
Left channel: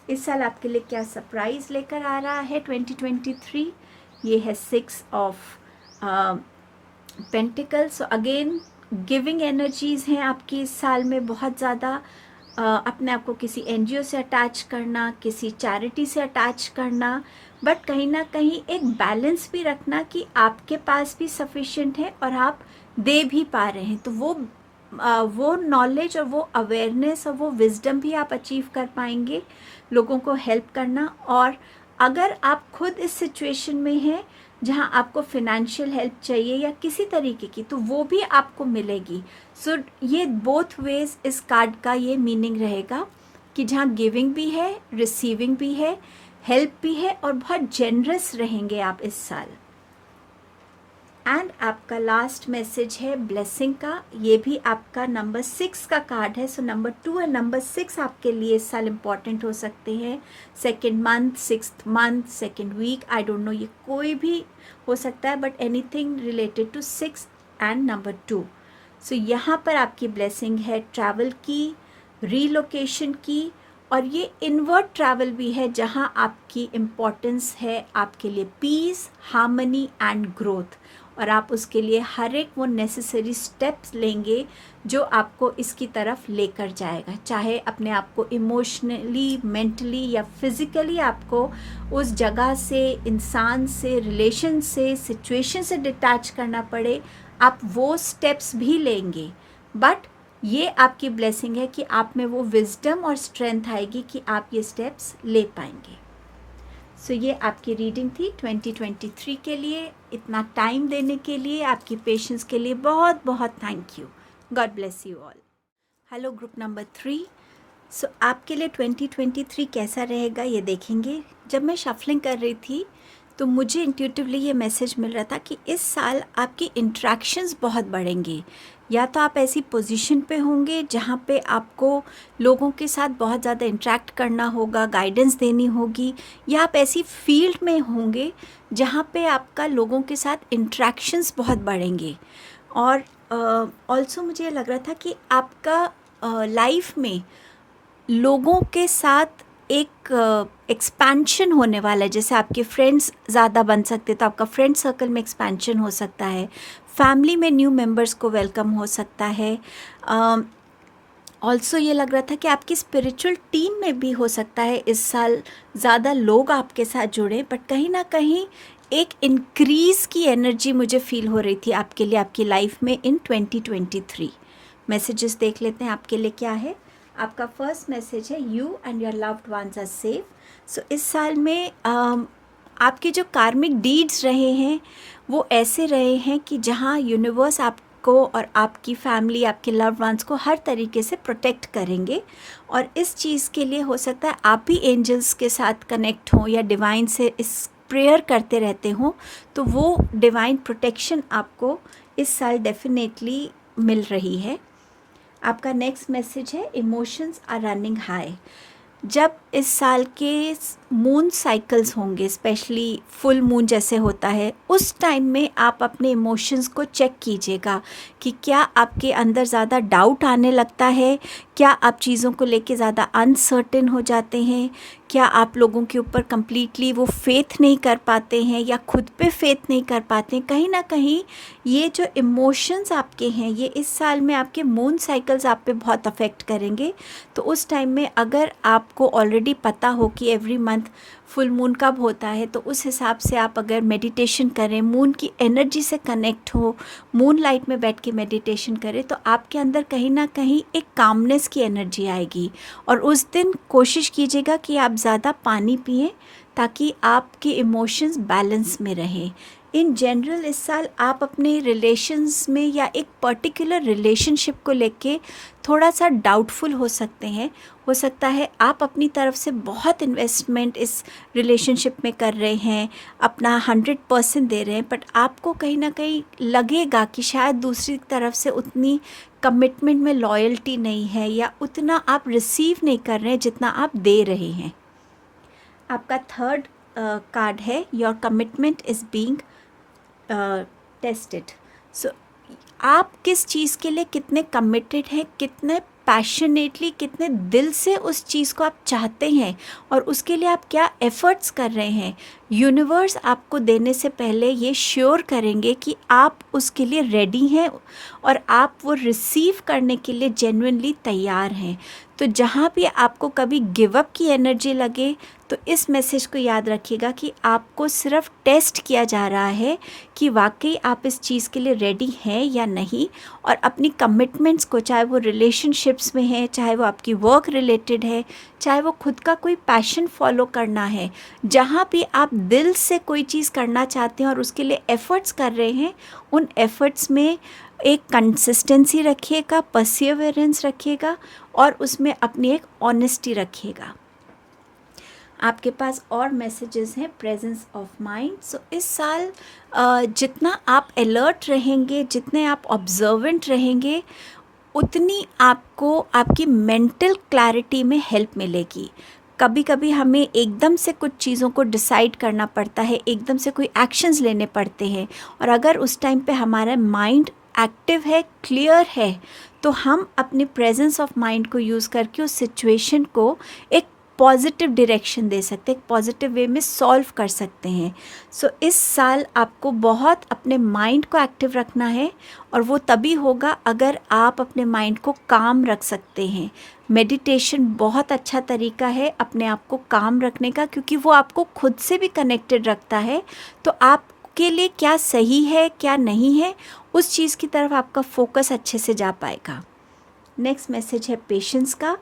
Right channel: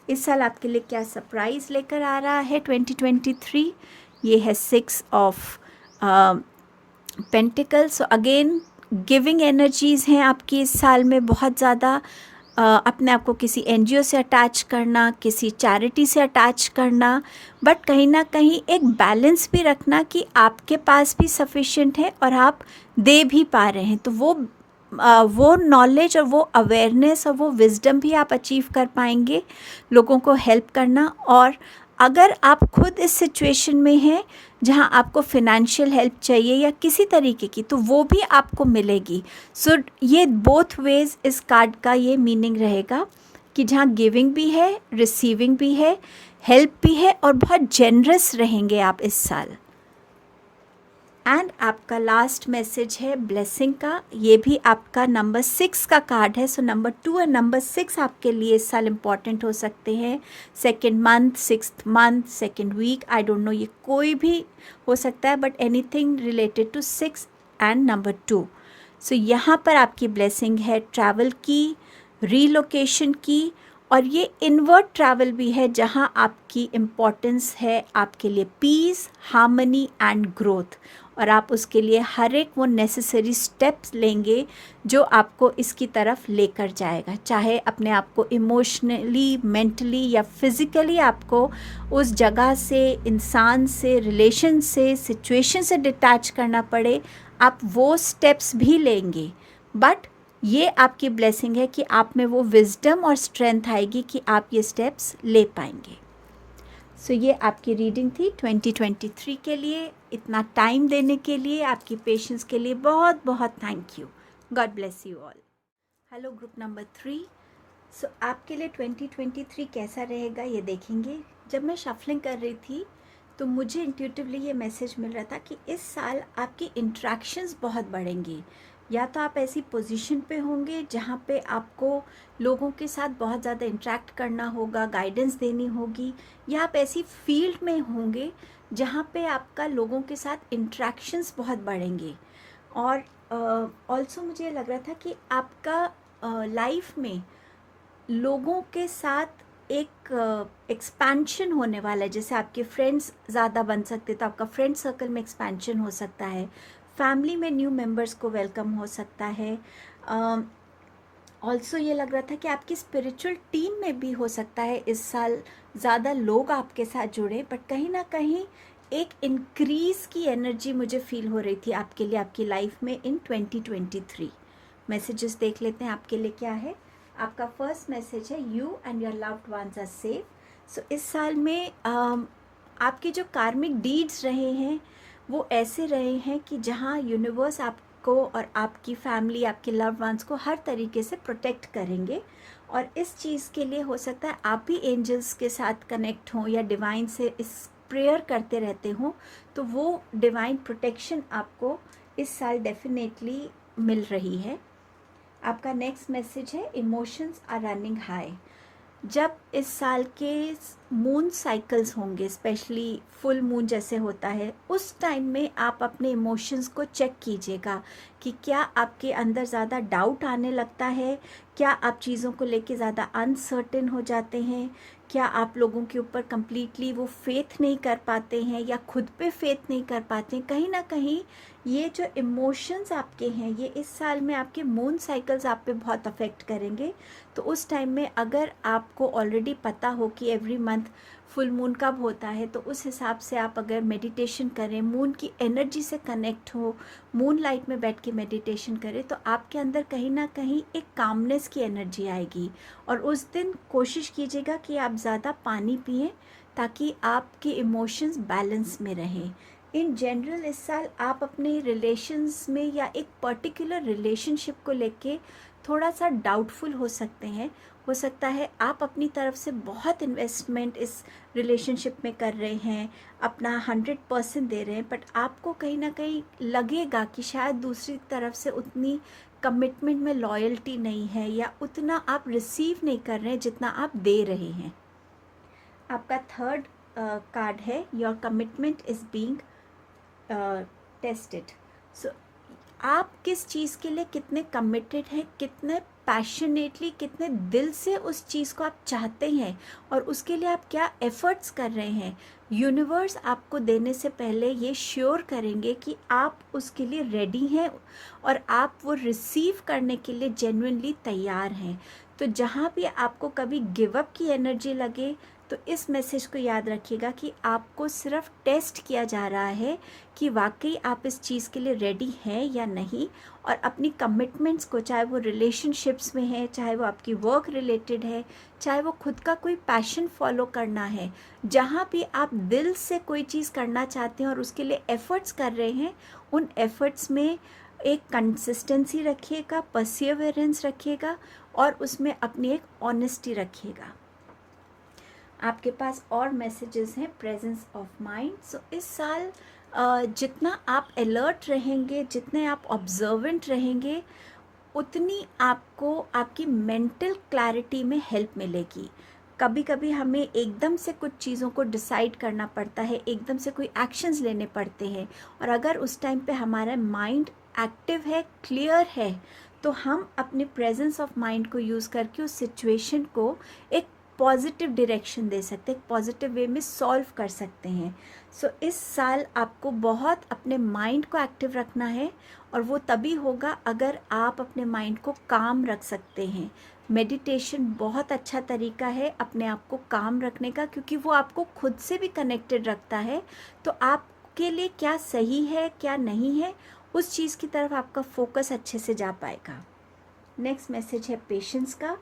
इस साल आपके लिए क्या सरप्राइज़ लेकर आ रहा है 2023? ये है 6 of pentacles. So again giving energies हैं आपकी इस साल में बहुत ज़्यादा। अपने आप को किसी एनजीओ से अटैच करना, किसी चैरिटी से अटैच करना, बट कहीं ना कहीं एक बैलेंस भी रखना कि आपके पास भी सफिशिएंट है और आप दे भी पा रहे हैं। तो वो नॉलेज और वो अवेयरनेस और वो विजडम भी आप अचीव कर पाएंगे, लोगों को हेल्प करना। और अगर आप खुद इस सिचुएशन में हैं जहाँ आपको फिनेंशियल हेल्प चाहिए या किसी तरीके की, तो वो भी आपको मिलेगी. सो ये बोथ वेज इस कार्ड का ये मीनिंग रहेगा कि जहाँ गिविंग भी है, रिसीविंग भी है, हेल्प भी है, और बहुत जेनरस रहेंगे आप इस साल. एंड आपका लास्ट मैसेज है ब्लेसिंग का. ये भी आपका नंबर 6 का कार्ड है. सो नंबर 2 और नंबर 6 आपके लिए इस साल इम्पॉर्टेंट हो सकते हैं. Second month, 6th month, second week, I don't know, ये कोई भी हो सकता है, but anything related to 6 and number 2. So यहाँ पर आपकी ब्लेसिंग है ट्रैवल की, रीलोकेशन की, और ये इनवर्ट ट्रैवल भी है जहाँ आपकी इम्पोर्टेंस है आपके लिए पीस, हार्मनी एंड ग्रोथ. और आप उसके लिए हर एक वो नेसेसरी स्टेप्स लेंगे जो आपको इसकी तरफ लेकर जाएगा, चाहे अपने आप को इमोशनली, मेंटली या फिज़िकली आपको उस जगह से, इंसान से, रिलेशन से, सिचुएशन से डिटैच करना पड़े, आप वो स्टेप्स भी लेंगे. बट ये आपकी ब्लेसिंग है कि आप में वो विजडम और स्ट्रेंथ आएगी कि आप ये स्टेप्स ले पाएंगे. सो ये आपकी रीडिंग थी 2023 के लिए. इतना टाइम देने के लिए, आपकी पेशेंस के लिए बहुत बहुत thank you. God bless you all. Hello group number 3. सो आपके लिए 2023 कैसा रहेगा ये देखेंगे. जब मैं शफलिंग कर रही थी तो मुझे इंट्यूटिवली ये मैसेज मिल रहा था कि इस साल आपकी इंट्रैक्शंस बहुत बढ़ेंगी. या तो आप ऐसी पोजीशन पे होंगे जहाँ पे आपको लोगों के साथ बहुत ज़्यादा इंटरेक्ट करना होगा, गाइडेंस देनी होगी, या आप ऐसी फील्ड में होंगे जहाँ पे आपका लोगों के साथ इंट्रैक्शंस बहुत बढ़ेंगे. और ऑल्सो मुझे लग रहा था कि आपका लाइफ में लोगों के साथ एक एक्सपेंशन होने वाला है. जैसे आपके फ्रेंड्स ज़्यादा बन सकते, तो आपका फ्रेंड सर्कल में एक्सपेंशन हो सकता है. फैमिली में न्यू मेंबर्स को वेलकम हो सकता है. ऑल्सो ये लग रहा था कि आपकी स्पिरिचुअल टीम में भी हो सकता है इस साल ज़्यादा लोग आपके साथ जुड़े, बट कहीं ना कहीं एक इंक्रीज़ की एनर्जी मुझे फील हो रही थी आपके लिए, आपकी लाइफ में इन 2023. मैसेजेस देख लेते हैं आपके लिए क्या है. आपका फर्स्ट मैसेज है you and your loved ones are safe. So इस साल में आपके जो कार्मिक डीड्स रहे हैं वो ऐसे रहे हैं कि जहाँ यूनिवर्स आपको और आपकी फैमिली, आपके लव्ड वंस को हर तरीके से प्रोटेक्ट करेंगे. और इस चीज़ के लिए हो सकता है आप भी एंजल्स के साथ कनेक्ट हों या डिवाइन से इस प्रेयर करते रहते हों, तो वो डिवाइन प्रोटेक्शन आपको इस साल डेफिनेटली मिल रही है. आपका नेक्स्ट मैसेज है इमोशंस आर रनिंग हाई. जब इस साल के मून साइकिल्स होंगे, स्पेशली फुल मून जैसे होता है, उस टाइम में आप अपने इमोशंस को चेक कीजिएगा कि क्या आपके अंदर ज़्यादा डाउट आने लगता है, क्या आप चीज़ों को लेके ज़्यादा अनसर्टेन हो जाते हैं, क्या आप लोगों के ऊपर कम्प्लीटली वो फेथ नहीं कर पाते हैं या खुद पे फेथ नहीं कर पाते हैं. कहीं ना कहीं ये जो इमोशंस आपके हैं ये इस साल में आपके मून साइकिल्स आप पे बहुत अफेक्ट करेंगे. तो उस टाइम में अगर आपको ऑलरेडी पता हो कि एवरी मंथ फुल मून कब होता है, तो उस हिसाब से आप अगर मेडिटेशन करें, मून की एनर्जी से कनेक्ट हो, मून लाइट में बैठ के मेडिटेशन करें, तो आपके अंदर कहीं ना कहीं एक कामनेस की एनर्जी आएगी. और उस दिन कोशिश कीजिएगा कि आप ज़्यादा पानी पिएं ताकि आपके इमोशंस बैलेंस में रहें. इन जनरल इस साल आप अपने रिलेशंस में या एक पर्टिकुलर रिलेशनशिप को लेके थोड़ा सा डाउटफुल हो सकते हैं. हो सकता है आप अपनी तरफ से बहुत इन्वेस्टमेंट इस रिलेशनशिप में कर रहे हैं, अपना 100% दे रहे हैं, बट आपको कहीं ना कहीं लगेगा कि शायद दूसरी तरफ से उतनी कमिटमेंट में लॉयल्टी नहीं है या उतना आप रिसीव नहीं कर रहे हैं जितना आप दे रहे हैं. आपका थर्ड कार्ड है your commitment is being tested. So आप किस चीज़ के लिए कितने कमिटेड हैं, कितने पैशनेटली, कितने दिल से उस चीज़ को आप चाहते हैं और उसके लिए आप क्या एफ़र्ट्स कर रहे हैं. यूनिवर्स आपको देने से पहले ये श्योर करेंगे कि आप उसके लिए रेडी हैं और आप वो रिसीव करने के लिए जेन्युइनली तैयार हैं. तो जहाँ भी आपको कभी गिव अप की एनर्जी लगे तो इस मैसेज को याद रखिएगा कि आपको सिर्फ टेस्ट किया जा रहा है कि वाकई आप इस चीज़ के लिए रेडी हैं या नहीं, और अपनी कमिटमेंट्स को, चाहे वो रिलेशनशिप्स में है, चाहे वो आपकी वर्क रिलेटेड है, चाहे वो खुद का कोई पैशन फॉलो करना है, जहाँ भी आप दिल से कोई चीज़ करना चाहते हैं और उसके लिए एफ़र्ट्स कर रहे हैं, उन एफ़र्ट्स में एक कंसिस्टेंसी रखिएगा, परसिवरेंस रखिएगा और उसमें अपनी एक ऑनेस्टी रखिएगा। आपके पास और मैसेजेस हैं, प्रेजेंस ऑफ माइंड। सो इस साल जितना आप अलर्ट रहेंगे, जितने आप ऑब्जर्वेंट रहेंगे, उतनी आपको आपकी मेंटल क्लैरिटी में हेल्प मिलेगी। कभी कभी हमें एकदम से कुछ चीज़ों को डिसाइड करना पड़ता है, एकदम से कोई एक्शंस लेने पड़ते हैं, और अगर उस टाइम पे हमारा माइंड एक्टिव है, क्लियर है, तो हम अपने प्रेजेंस ऑफ माइंड को यूज़ करके उस सिचुएशन को एक पॉजिटिव डायरेक्शन दे सकते हैं, एक पॉजिटिव वे में सॉल्व कर सकते हैं। सो इस साल आपको बहुत अपने माइंड को एक्टिव रखना है, और वो तभी होगा अगर आप अपने माइंड को काम रख सकते हैं। मेडिटेशन बहुत अच्छा तरीका है अपने आप को काम रखने का, क्योंकि वो आपको खुद से भी कनेक्टेड रखता है। तो आपके लिए क्या सही है, क्या नहीं है, उस चीज़ की तरफ आपका फोकस अच्छे से जा पाएगा। नेक्स्ट मैसेज है पेशेंस का।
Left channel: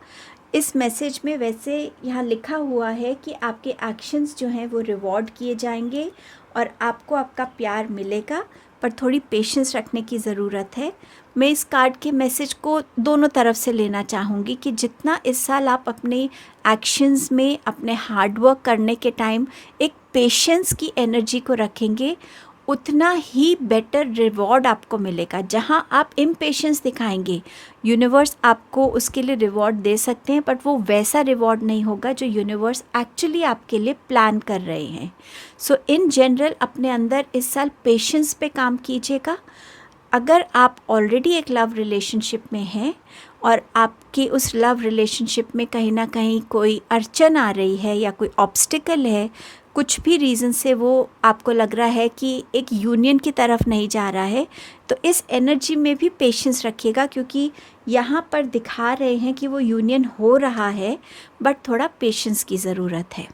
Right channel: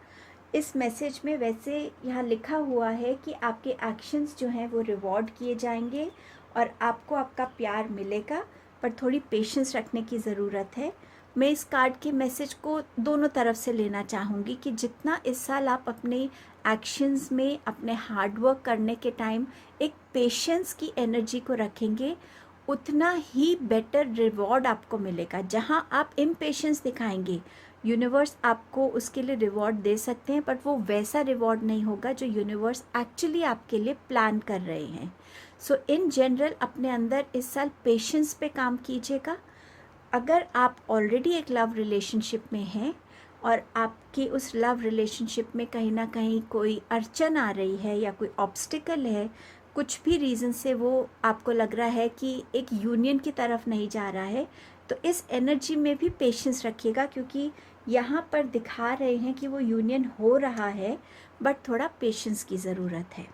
इस मैसेज में वैसे यहाँ लिखा हुआ है कि आपके एक्शंस जो हैं वो रिवॉर्ड किए जाएंगे और आपको आपका प्यार मिलेगा, पर थोड़ी पेशेंस रखने की ज़रूरत है। मैं इस कार्ड के मैसेज को दोनों तरफ से लेना चाहूँगी कि जितना इस साल आप अपने एक्शंस में, अपने हार्डवर्क करने के टाइम एक पेशेंस की एनर्जी को रखेंगे, उतना ही बेटर रिवॉर्ड आपको मिलेगा। जहाँ आप इम्पेशेंस दिखाएंगे, यूनिवर्स आपको उसके लिए रिवॉर्ड दे सकते हैं, बट वो वैसा रिवॉर्ड नहीं होगा जो यूनिवर्स एक्चुअली आपके लिए प्लान कर रहे हैं। सो इन जनरल अपने अंदर इस साल पेशेंस पे काम कीजिएगा। अगर आप ऑलरेडी एक लव रिलेशनशिप में हैं और आपकी उस लव रिलेशनशिप में कहीं ना कहीं कोई अड़चन आ रही है या कोई ऑब्स्टिकल है, कुछ भी रीज़न से वो आपको लग रहा है कि एक यूनियन की तरफ नहीं जा रहा है, तो इस एनर्जी में भी पेशेंस रखिएगा, क्योंकि यहाँ पर दिखा रहे हैं कि वो यूनियन हो रहा है, बट थोड़ा पेशेंस की ज़रूरत है।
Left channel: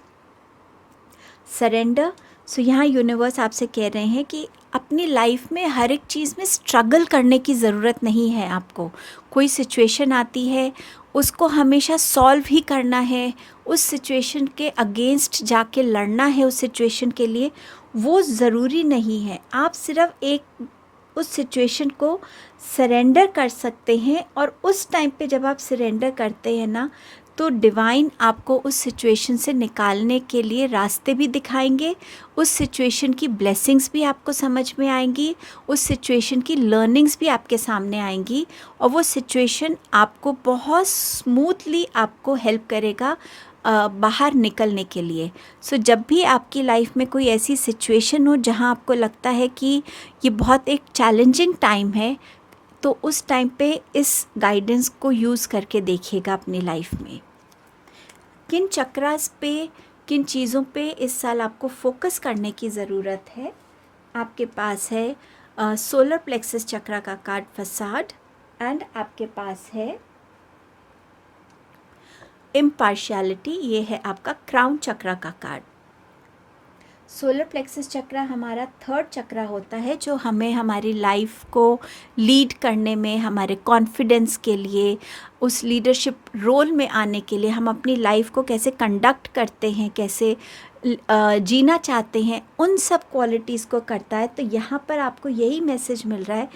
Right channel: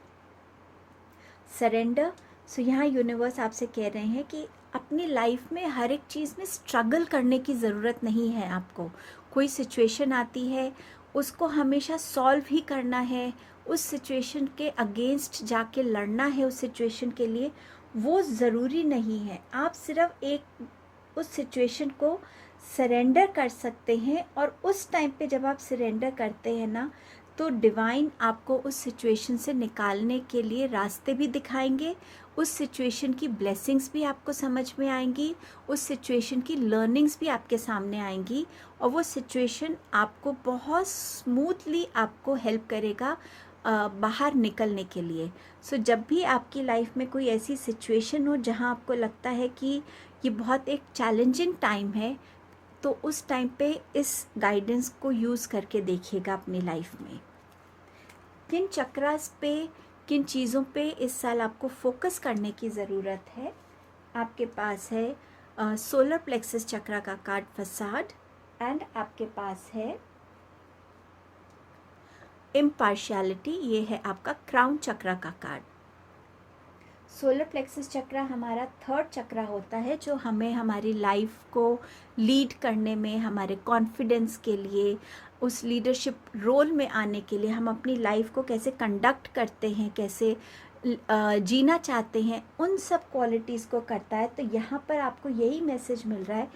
सरेंडर। सो यहाँ यूनिवर्स आपसे कह रहे हैं कि अपनी लाइफ में हर एक चीज़ में स्ट्रगल करने की ज़रूरत नहीं है। आपको कोई सिचुएशन आती है, उसको हमेशा सॉल्व ही करना है, उस सिचुएशन के अगेंस्ट जाके लड़ना है, उस सिचुएशन के लिए वो ज़रूरी नहीं है। आप सिर्फ एक उस सिचुएशन को सरेंडर कर सकते हैं, और उस टाइम पे जब आप सरेंडर करते हैं ना, तो डिवाइन आपको उस सिचुएशन से निकालने के लिए रास्ते भी दिखाएंगे, उस सिचुएशन की ब्लेसिंग्स भी आपको समझ में आएंगी, उस सिचुएशन की लर्निंग्स भी आपके सामने आएंगी, और वो सिचुएशन आपको बहुत स्मूथली आपको हेल्प करेगा बाहर निकलने के लिए। सो जब भी आपकी लाइफ में कोई ऐसी सिचुएशन हो जहां आपको लगता है कि ये बहुत एक चैलेंजिंग टाइम है, तो उस टाइम पे इस गाइडेंस को यूज़ करके देखिएगा अपनी लाइफ में। किन चक्रास पे, किन चीज़ों पे इस साल आपको फोकस करने की ज़रूरत है। आपके पास है सोलर प्लेक्सस चक्रा का कार्ड फसाड, एंड आपके पास है इम्पार्शियलिटी, ये है आपका क्राउन चक्रा का कार्ड। सोलर प्लेक्सस चक्रा हमारा थर्ड चक्रा होता है, जो हमें हमारी लाइफ को लीड करने में, हमारे कॉन्फिडेंस के लिए, उस लीडरशिप रोल में आने के लिए, हम अपनी लाइफ को कैसे कंडक्ट करते हैं, कैसे जीना चाहते हैं, उन सब क्वालिटीज़ को करता है। तो यहाँ पर आपको यही मैसेज मिल रहा है,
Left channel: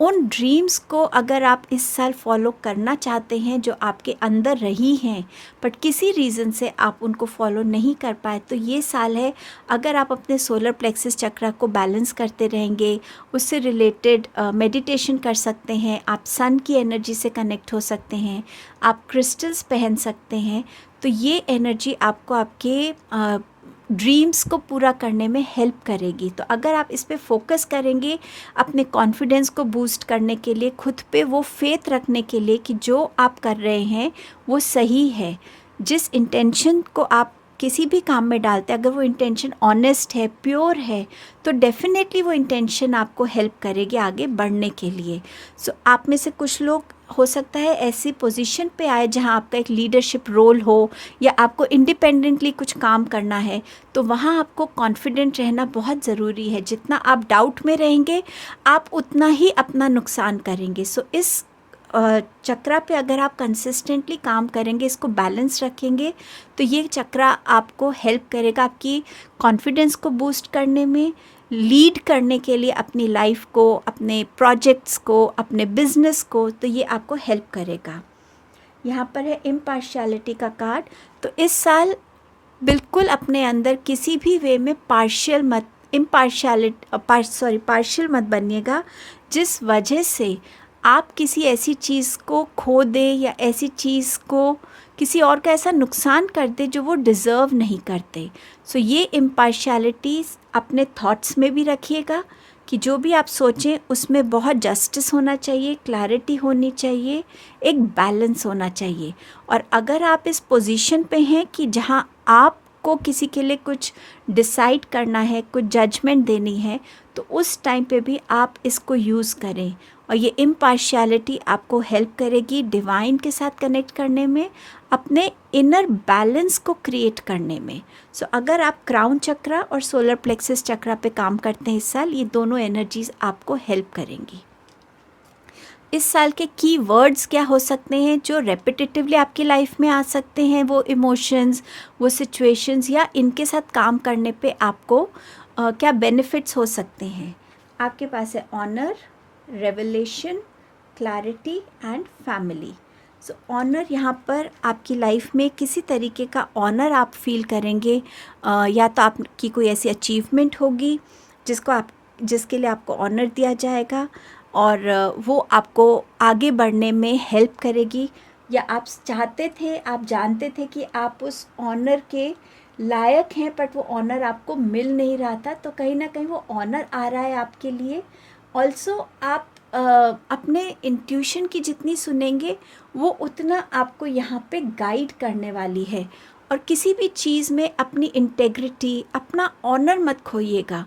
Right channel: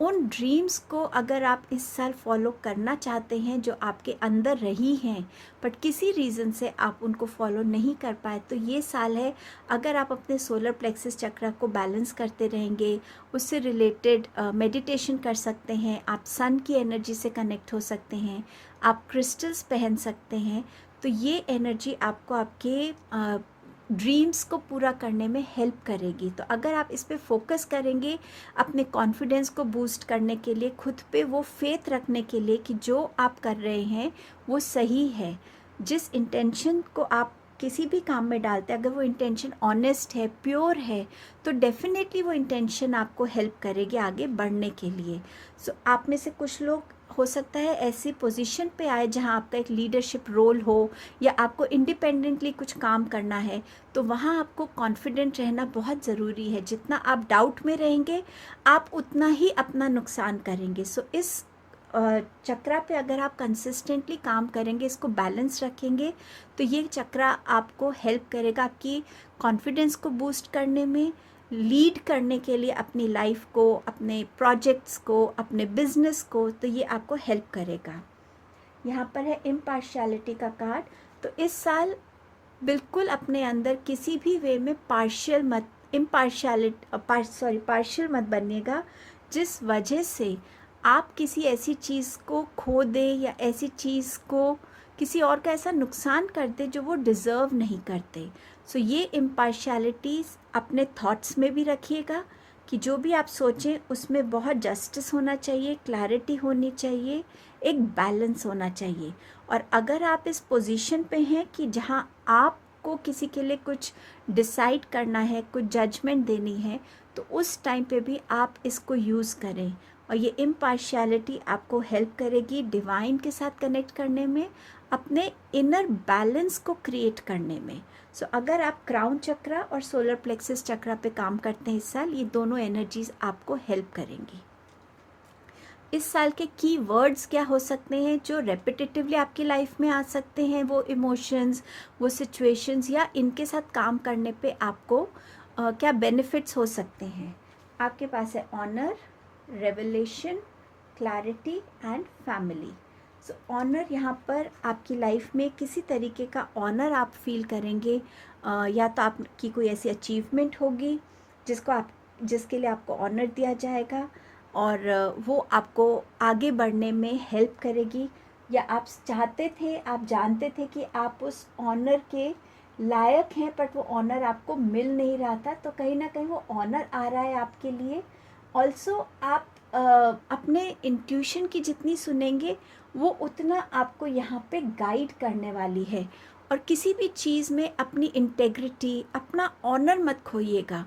उन ड्रीम्स को अगर आप इस साल फॉलो करना चाहते हैं जो आपके अंदर रही हैं, बट किसी रीज़न से आप उनको फॉलो नहीं कर पाए, तो ये साल है। अगर आप अपने सोलर प्लेक्सस चक्रा को बैलेंस करते रहेंगे, उससे रिलेटेड मेडिटेशन कर सकते हैं, आप सन की एनर्जी से कनेक्ट हो सकते हैं, आप क्रिस्टल्स पहन सकते हैं, तो ये एनर्जी आपको आपके ड्रीम्स को पूरा करने में हेल्प करेगी। तो अगर आप इस पे फोकस करेंगे, अपने कॉन्फिडेंस को बूस्ट करने के लिए, खुद पे वो फेथ रखने के लिए कि जो आप कर रहे हैं वो सही है, जिस इंटेंशन को आप किसी भी काम में डालते हैं, अगर वो इंटेंशन ऑनेस्ट है, प्योर है, तो डेफिनेटली वो इंटेंशन आपको हेल्प करेगी आगे बढ़ने के लिए। सो आप में से कुछ लोग हो सकता है ऐसी पोजीशन पे आए जहाँ आपका एक लीडरशिप रोल हो या आपको इंडिपेंडेंटली कुछ काम करना है, तो वहाँ आपको कॉन्फिडेंट रहना बहुत ज़रूरी है। जितना आप डाउट में रहेंगे आप उतना ही अपना नुकसान करेंगे। सो इस चक्रा पे अगर आप कंसिस्टेंटली काम करेंगे, इसको बैलेंस रखेंगे, तो ये चक्रा आपको हेल्प करेगा आपकी कॉन्फिडेंस को बूस्ट करने में, लीड करने के लिए अपनी लाइफ को, अपने प्रोजेक्ट्स को, अपने बिजनेस को, तो ये आपको हेल्प करेगा। यहाँ पर है इम्पार्शियलिटी का कार्ड। तो इस साल बिल्कुल अपने अंदर किसी भी वे में पार्शियल मत बनिएगा जिस वजह से आप किसी ऐसी चीज़ को खो दें या ऐसी चीज़ को किसी और का ऐसा नुकसान कर दे जो वो डिज़र्व नहीं करते। सो ये इम्पार्शियलिटी अपने थॉट्स में भी रखिएगा कि जो भी आप सोचें उसमें बहुत जस्टिस होना चाहिए, क्लैरिटी होनी चाहिए, एक बैलेंस होना चाहिए। और अगर आप इस पोजीशन पे हैं कि जहाँ आपको किसी के लिए कुछ डिसाइड करना है, कुछ जजमेंट देनी है, तो उस टाइम पे भी आप इसको यूज़ करें। और ये इम्पार्शियलिटी आपको हेल्प करेगी डिवाइन के साथ कनेक्ट करने में, अपने इनर बैलेंस को क्रिएट करने में। सो अगर आप क्राउन चक्रा और सोलर प्लेक्सस चक्रा पे काम करते हैं इस साल, ये दोनों एनर्जीज आपको हेल्प करेंगी। इस साल के की वर्ड्स क्या हो सकते हैं जो रेपिटेटिवली आपकी लाइफ में आ सकते हैं? वो इमोशंस, वो सिचुएशंस, या इनके साथ काम करने पे आपको क्या बेनिफिट्स हो सकते हैं? आपके पास है honour, revelation, clarity and family. So honour, यहाँ पर आपकी लाइफ में किसी तरीके का ऑनर आप फील करेंगे, या तो आपकी कोई ऐसी अचीवमेंट होगी जिसके लिए आपको ऑनर दिया जाएगा और वो आपको आगे बढ़ने में हेल्प करेगी, या आप चाहते थे, आप जानते थे कि आप उस ऑनर के लायक हैं बट वो ऑनर आपको मिल नहीं रहा था, तो कहीं ना कहीं वो ऑनर आ रहा है आपके लिए। ऑल्सो आप अपने इंट्यूशन की जितनी सुनेंगे वो उतना आपको यहाँ पे गाइड करने वाली है। और किसी भी चीज़ में अपनी इंटेग्रिटी, अपना ऑनर मत खोइएगा,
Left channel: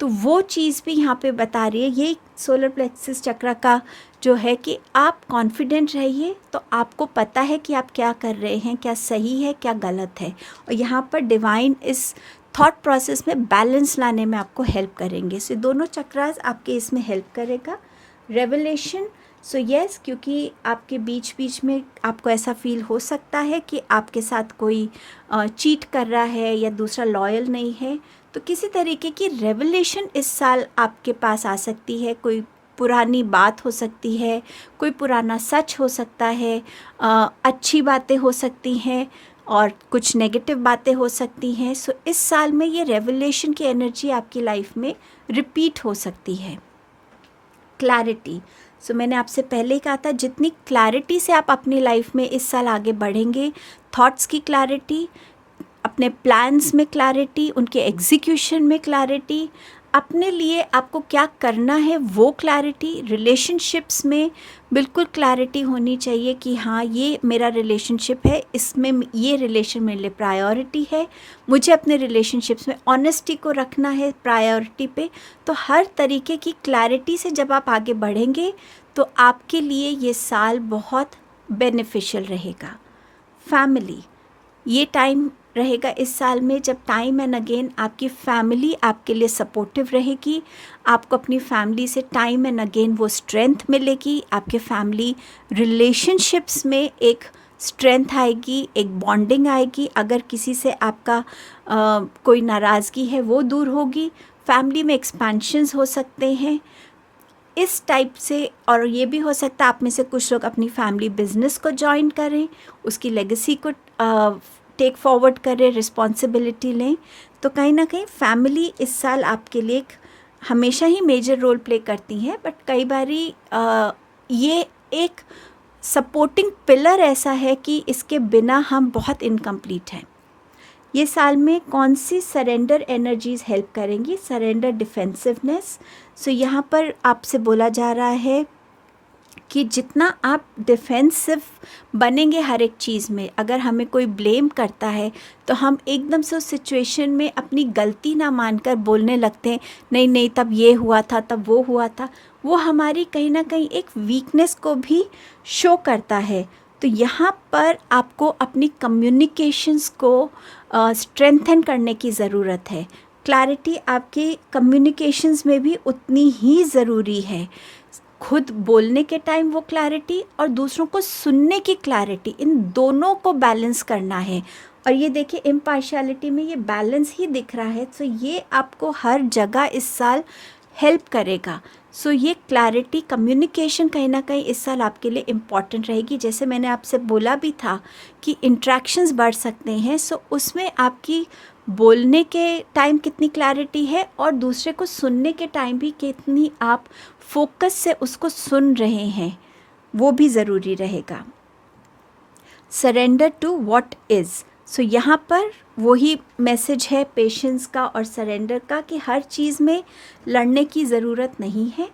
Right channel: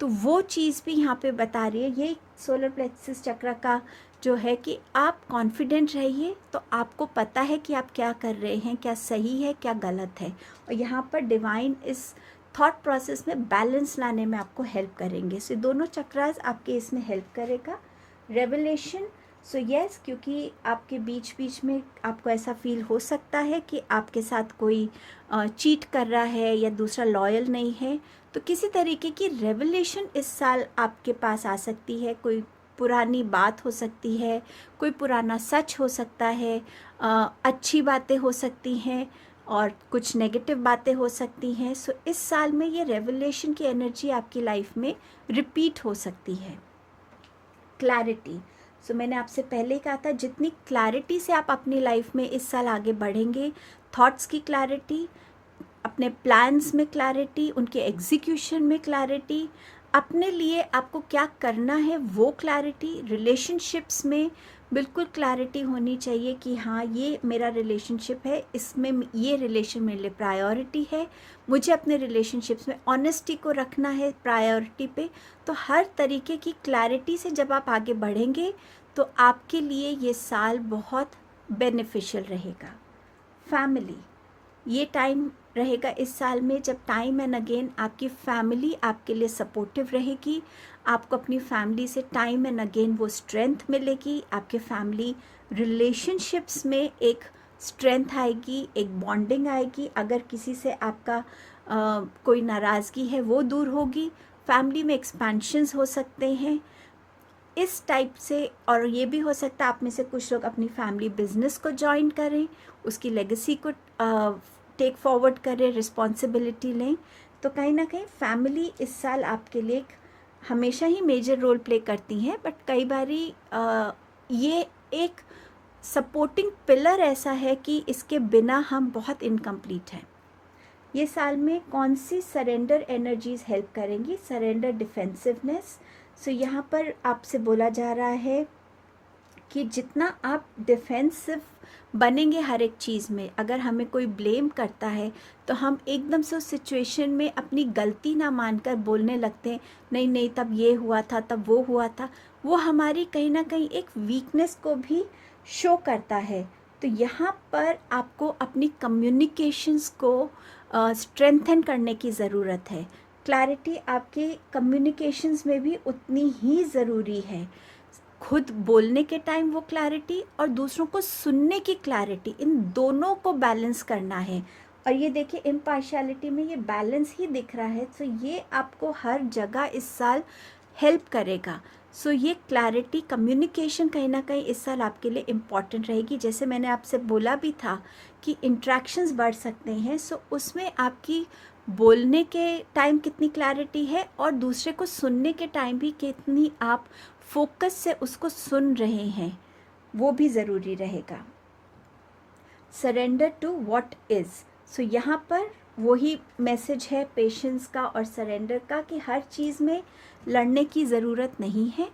तो वो चीज़ भी यहाँ पे बता रही है। ये सोलर प्लेक्सस चक्र का जो है कि आप कॉन्फिडेंट रहिए, तो आपको पता है कि आप क्या कर रहे हैं, क्या सही है, क्या गलत है। और यहाँ पर डिवाइन इस थॉट प्रोसेस में बैलेंस लाने में आपको हेल्प करेंगे। सो दोनों चक्रास आपके इसमें हेल्प करेगा। रेवलेशन, सो यस, क्योंकि आपके बीच बीच में आपको ऐसा फील हो सकता है कि आपके साथ कोई चीट कर रहा है या दूसरा लॉयल नहीं है, तो किसी तरीके की रेवलेशन इस साल आपके पास आ सकती है। कोई पुरानी बात हो सकती है, कोई पुराना सच हो सकता है, अच्छी बातें हो सकती हैं और कुछ नेगेटिव बातें हो सकती हैं। सो इस साल में ये रेवलेशन की एनर्जी आपकी लाइफ में रिपीट हो सकती है। क्लैरिटी, सो मैंने आपसे पहले ही कहा था, जितनी क्लैरिटी से आप अपनी लाइफ में इस साल आगे बढ़ेंगे, थॉट्स की क्लैरिटी, अपने प्लान्स में क्लैरिटी, उनके एग्जीक्यूशन में क्लैरिटी, अपने लिए आपको क्या करना है वो क्लैरिटी, रिलेशनशिप्स में बिल्कुल क्लैरिटी होनी चाहिए कि हाँ ये मेरा रिलेशनशिप है, इसमें ये रिलेशन मेरे लिए प्रायोरिटी है, मुझे अपने रिलेशनशिप्स में ऑनेस्टी को रखना है प्रायोरिटी पे। तो हर तरीके की क्लैरिटी से जब आप आगे बढ़ेंगे तो आपके लिए ये साल बहुत बेनिफिशियल रहेगा। फैमिली, ये टाइम रहेगा इस साल में जब टाइम एंड अगेन आपकी फैमिली आपके लिए सपोर्टिव रहेगी। आपको अपनी फैमिली से टाइम एंड अगेन वो स्ट्रेंथ मिलेगी, आपके फैमिली रिलेशनशिप्स में एक स्ट्रेंथ आएगी, एक बॉन्डिंग आएगी। अगर किसी से आपका कोई नाराज़गी है वो दूर होगी, फैमिली में एक्सपेंशंस हो सकते हैं इस टाइप से। और ये भी हो सकता है आप में से कुछ लोग अपनी फैमिली बिजनेस को ज्वाइन करें, उसकी लेगेसी को टेक फॉरवर्ड करें, रिस्पॉन्सिबिलिटी लें। तो कहीं ना कहीं फैमिली इस साल आपके लिए हमेशा ही मेजर रोल प्ले करती हैं, बट कई बारी ये एक सपोर्टिंग पिलर ऐसा है कि इसके बिना हम बहुत इनकम्प्लीट हैं। ये साल में कौन सी सरेंडर एनर्जीज हेल्प करेंगी? Surrender, defensiveness. सो यहाँ पर आपसे बोला जा रहा है कि जितना आप डिफेंसिव बनेंगे हर एक चीज़ में, अगर हमें कोई ब्लेम करता है तो हम एकदम से उस सिचुएशन में अपनी गलती ना मानकर बोलने लगते हैं, नहीं नहीं तब ये हुआ था, तब वो हुआ था। वो हमारी कहीं ना कहीं एक वीकनेस को भी शो करता है। तो यहाँ पर आपको अपनी कम्युनिकेशंस को स्ट्रेंथन करने की ज़रूरत है। क्लैरिटी आपके कम्युनिकेशंस में भी उतनी ही ज़रूरी है। खुद बोलने के टाइम वो क्लैरिटी और दूसरों को सुनने की क्लैरिटी, इन दोनों को बैलेंस करना है। और ये देखिए इम्पार्शियलिटी में ये बैलेंस ही दिख रहा है। तो ये आपको हर जगह इस साल हेल्प करेगा। सो ये क्लैरिटी कम्युनिकेशन कहीं ना कहीं इस साल आपके लिए इम्पॉर्टेंट रहेगी। जैसे मैंने आपसे बोला भी था कि इंट्रैक्शंस बढ़ सकते हैं, सो उसमें आपकी बोलने के टाइम कितनी क्लैरिटी है और दूसरे को सुनने के टाइम भी कितनी आप फोकस से उसको सुन रहे हैं, वो भी ज़रूरी रहेगा। Surrender to what is. So यहाँ पर वही मैसेज है पेशेंस का और सरेंडर का कि हर चीज़ में लड़ने की ज़रूरत नहीं है।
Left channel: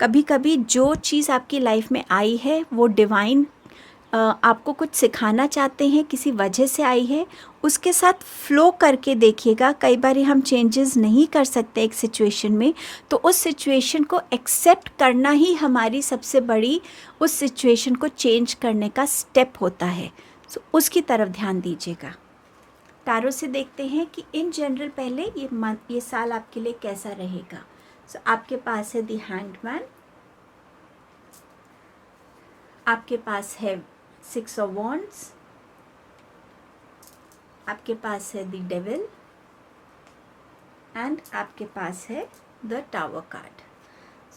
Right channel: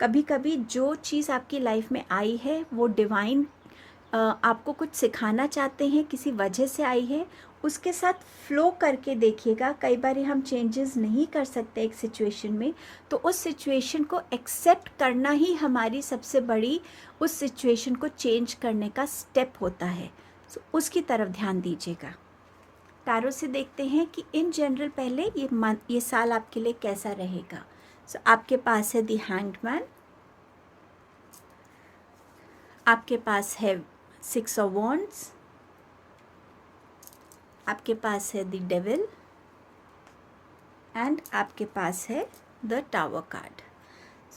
कभी कभी जो चीज़ आपकी लाइफ में आई है वो डिवाइन आपको कुछ सिखाना चाहते हैं, किसी वजह से आई है, उसके साथ फ्लो करके देखिएगा। कई बार हम चेंजेस नहीं कर सकते एक सिचुएशन में, तो उस सिचुएशन को एक्सेप्ट करना ही हमारी सबसे बड़ी उस सिचुएशन को चेंज करने का स्टेप होता है। सो उसकी तरफ ध्यान दीजिएगा। टारो से देखते हैं कि इन जनरल पहले ये साल आपके लिए कैसा रहेगा। सो आपके पास है द हैंगमैन, आपके पास है 6 ऑफ वॉन्ड्स, आपके पास है द डेविल एंड आपके पास है द टावर कार्ड।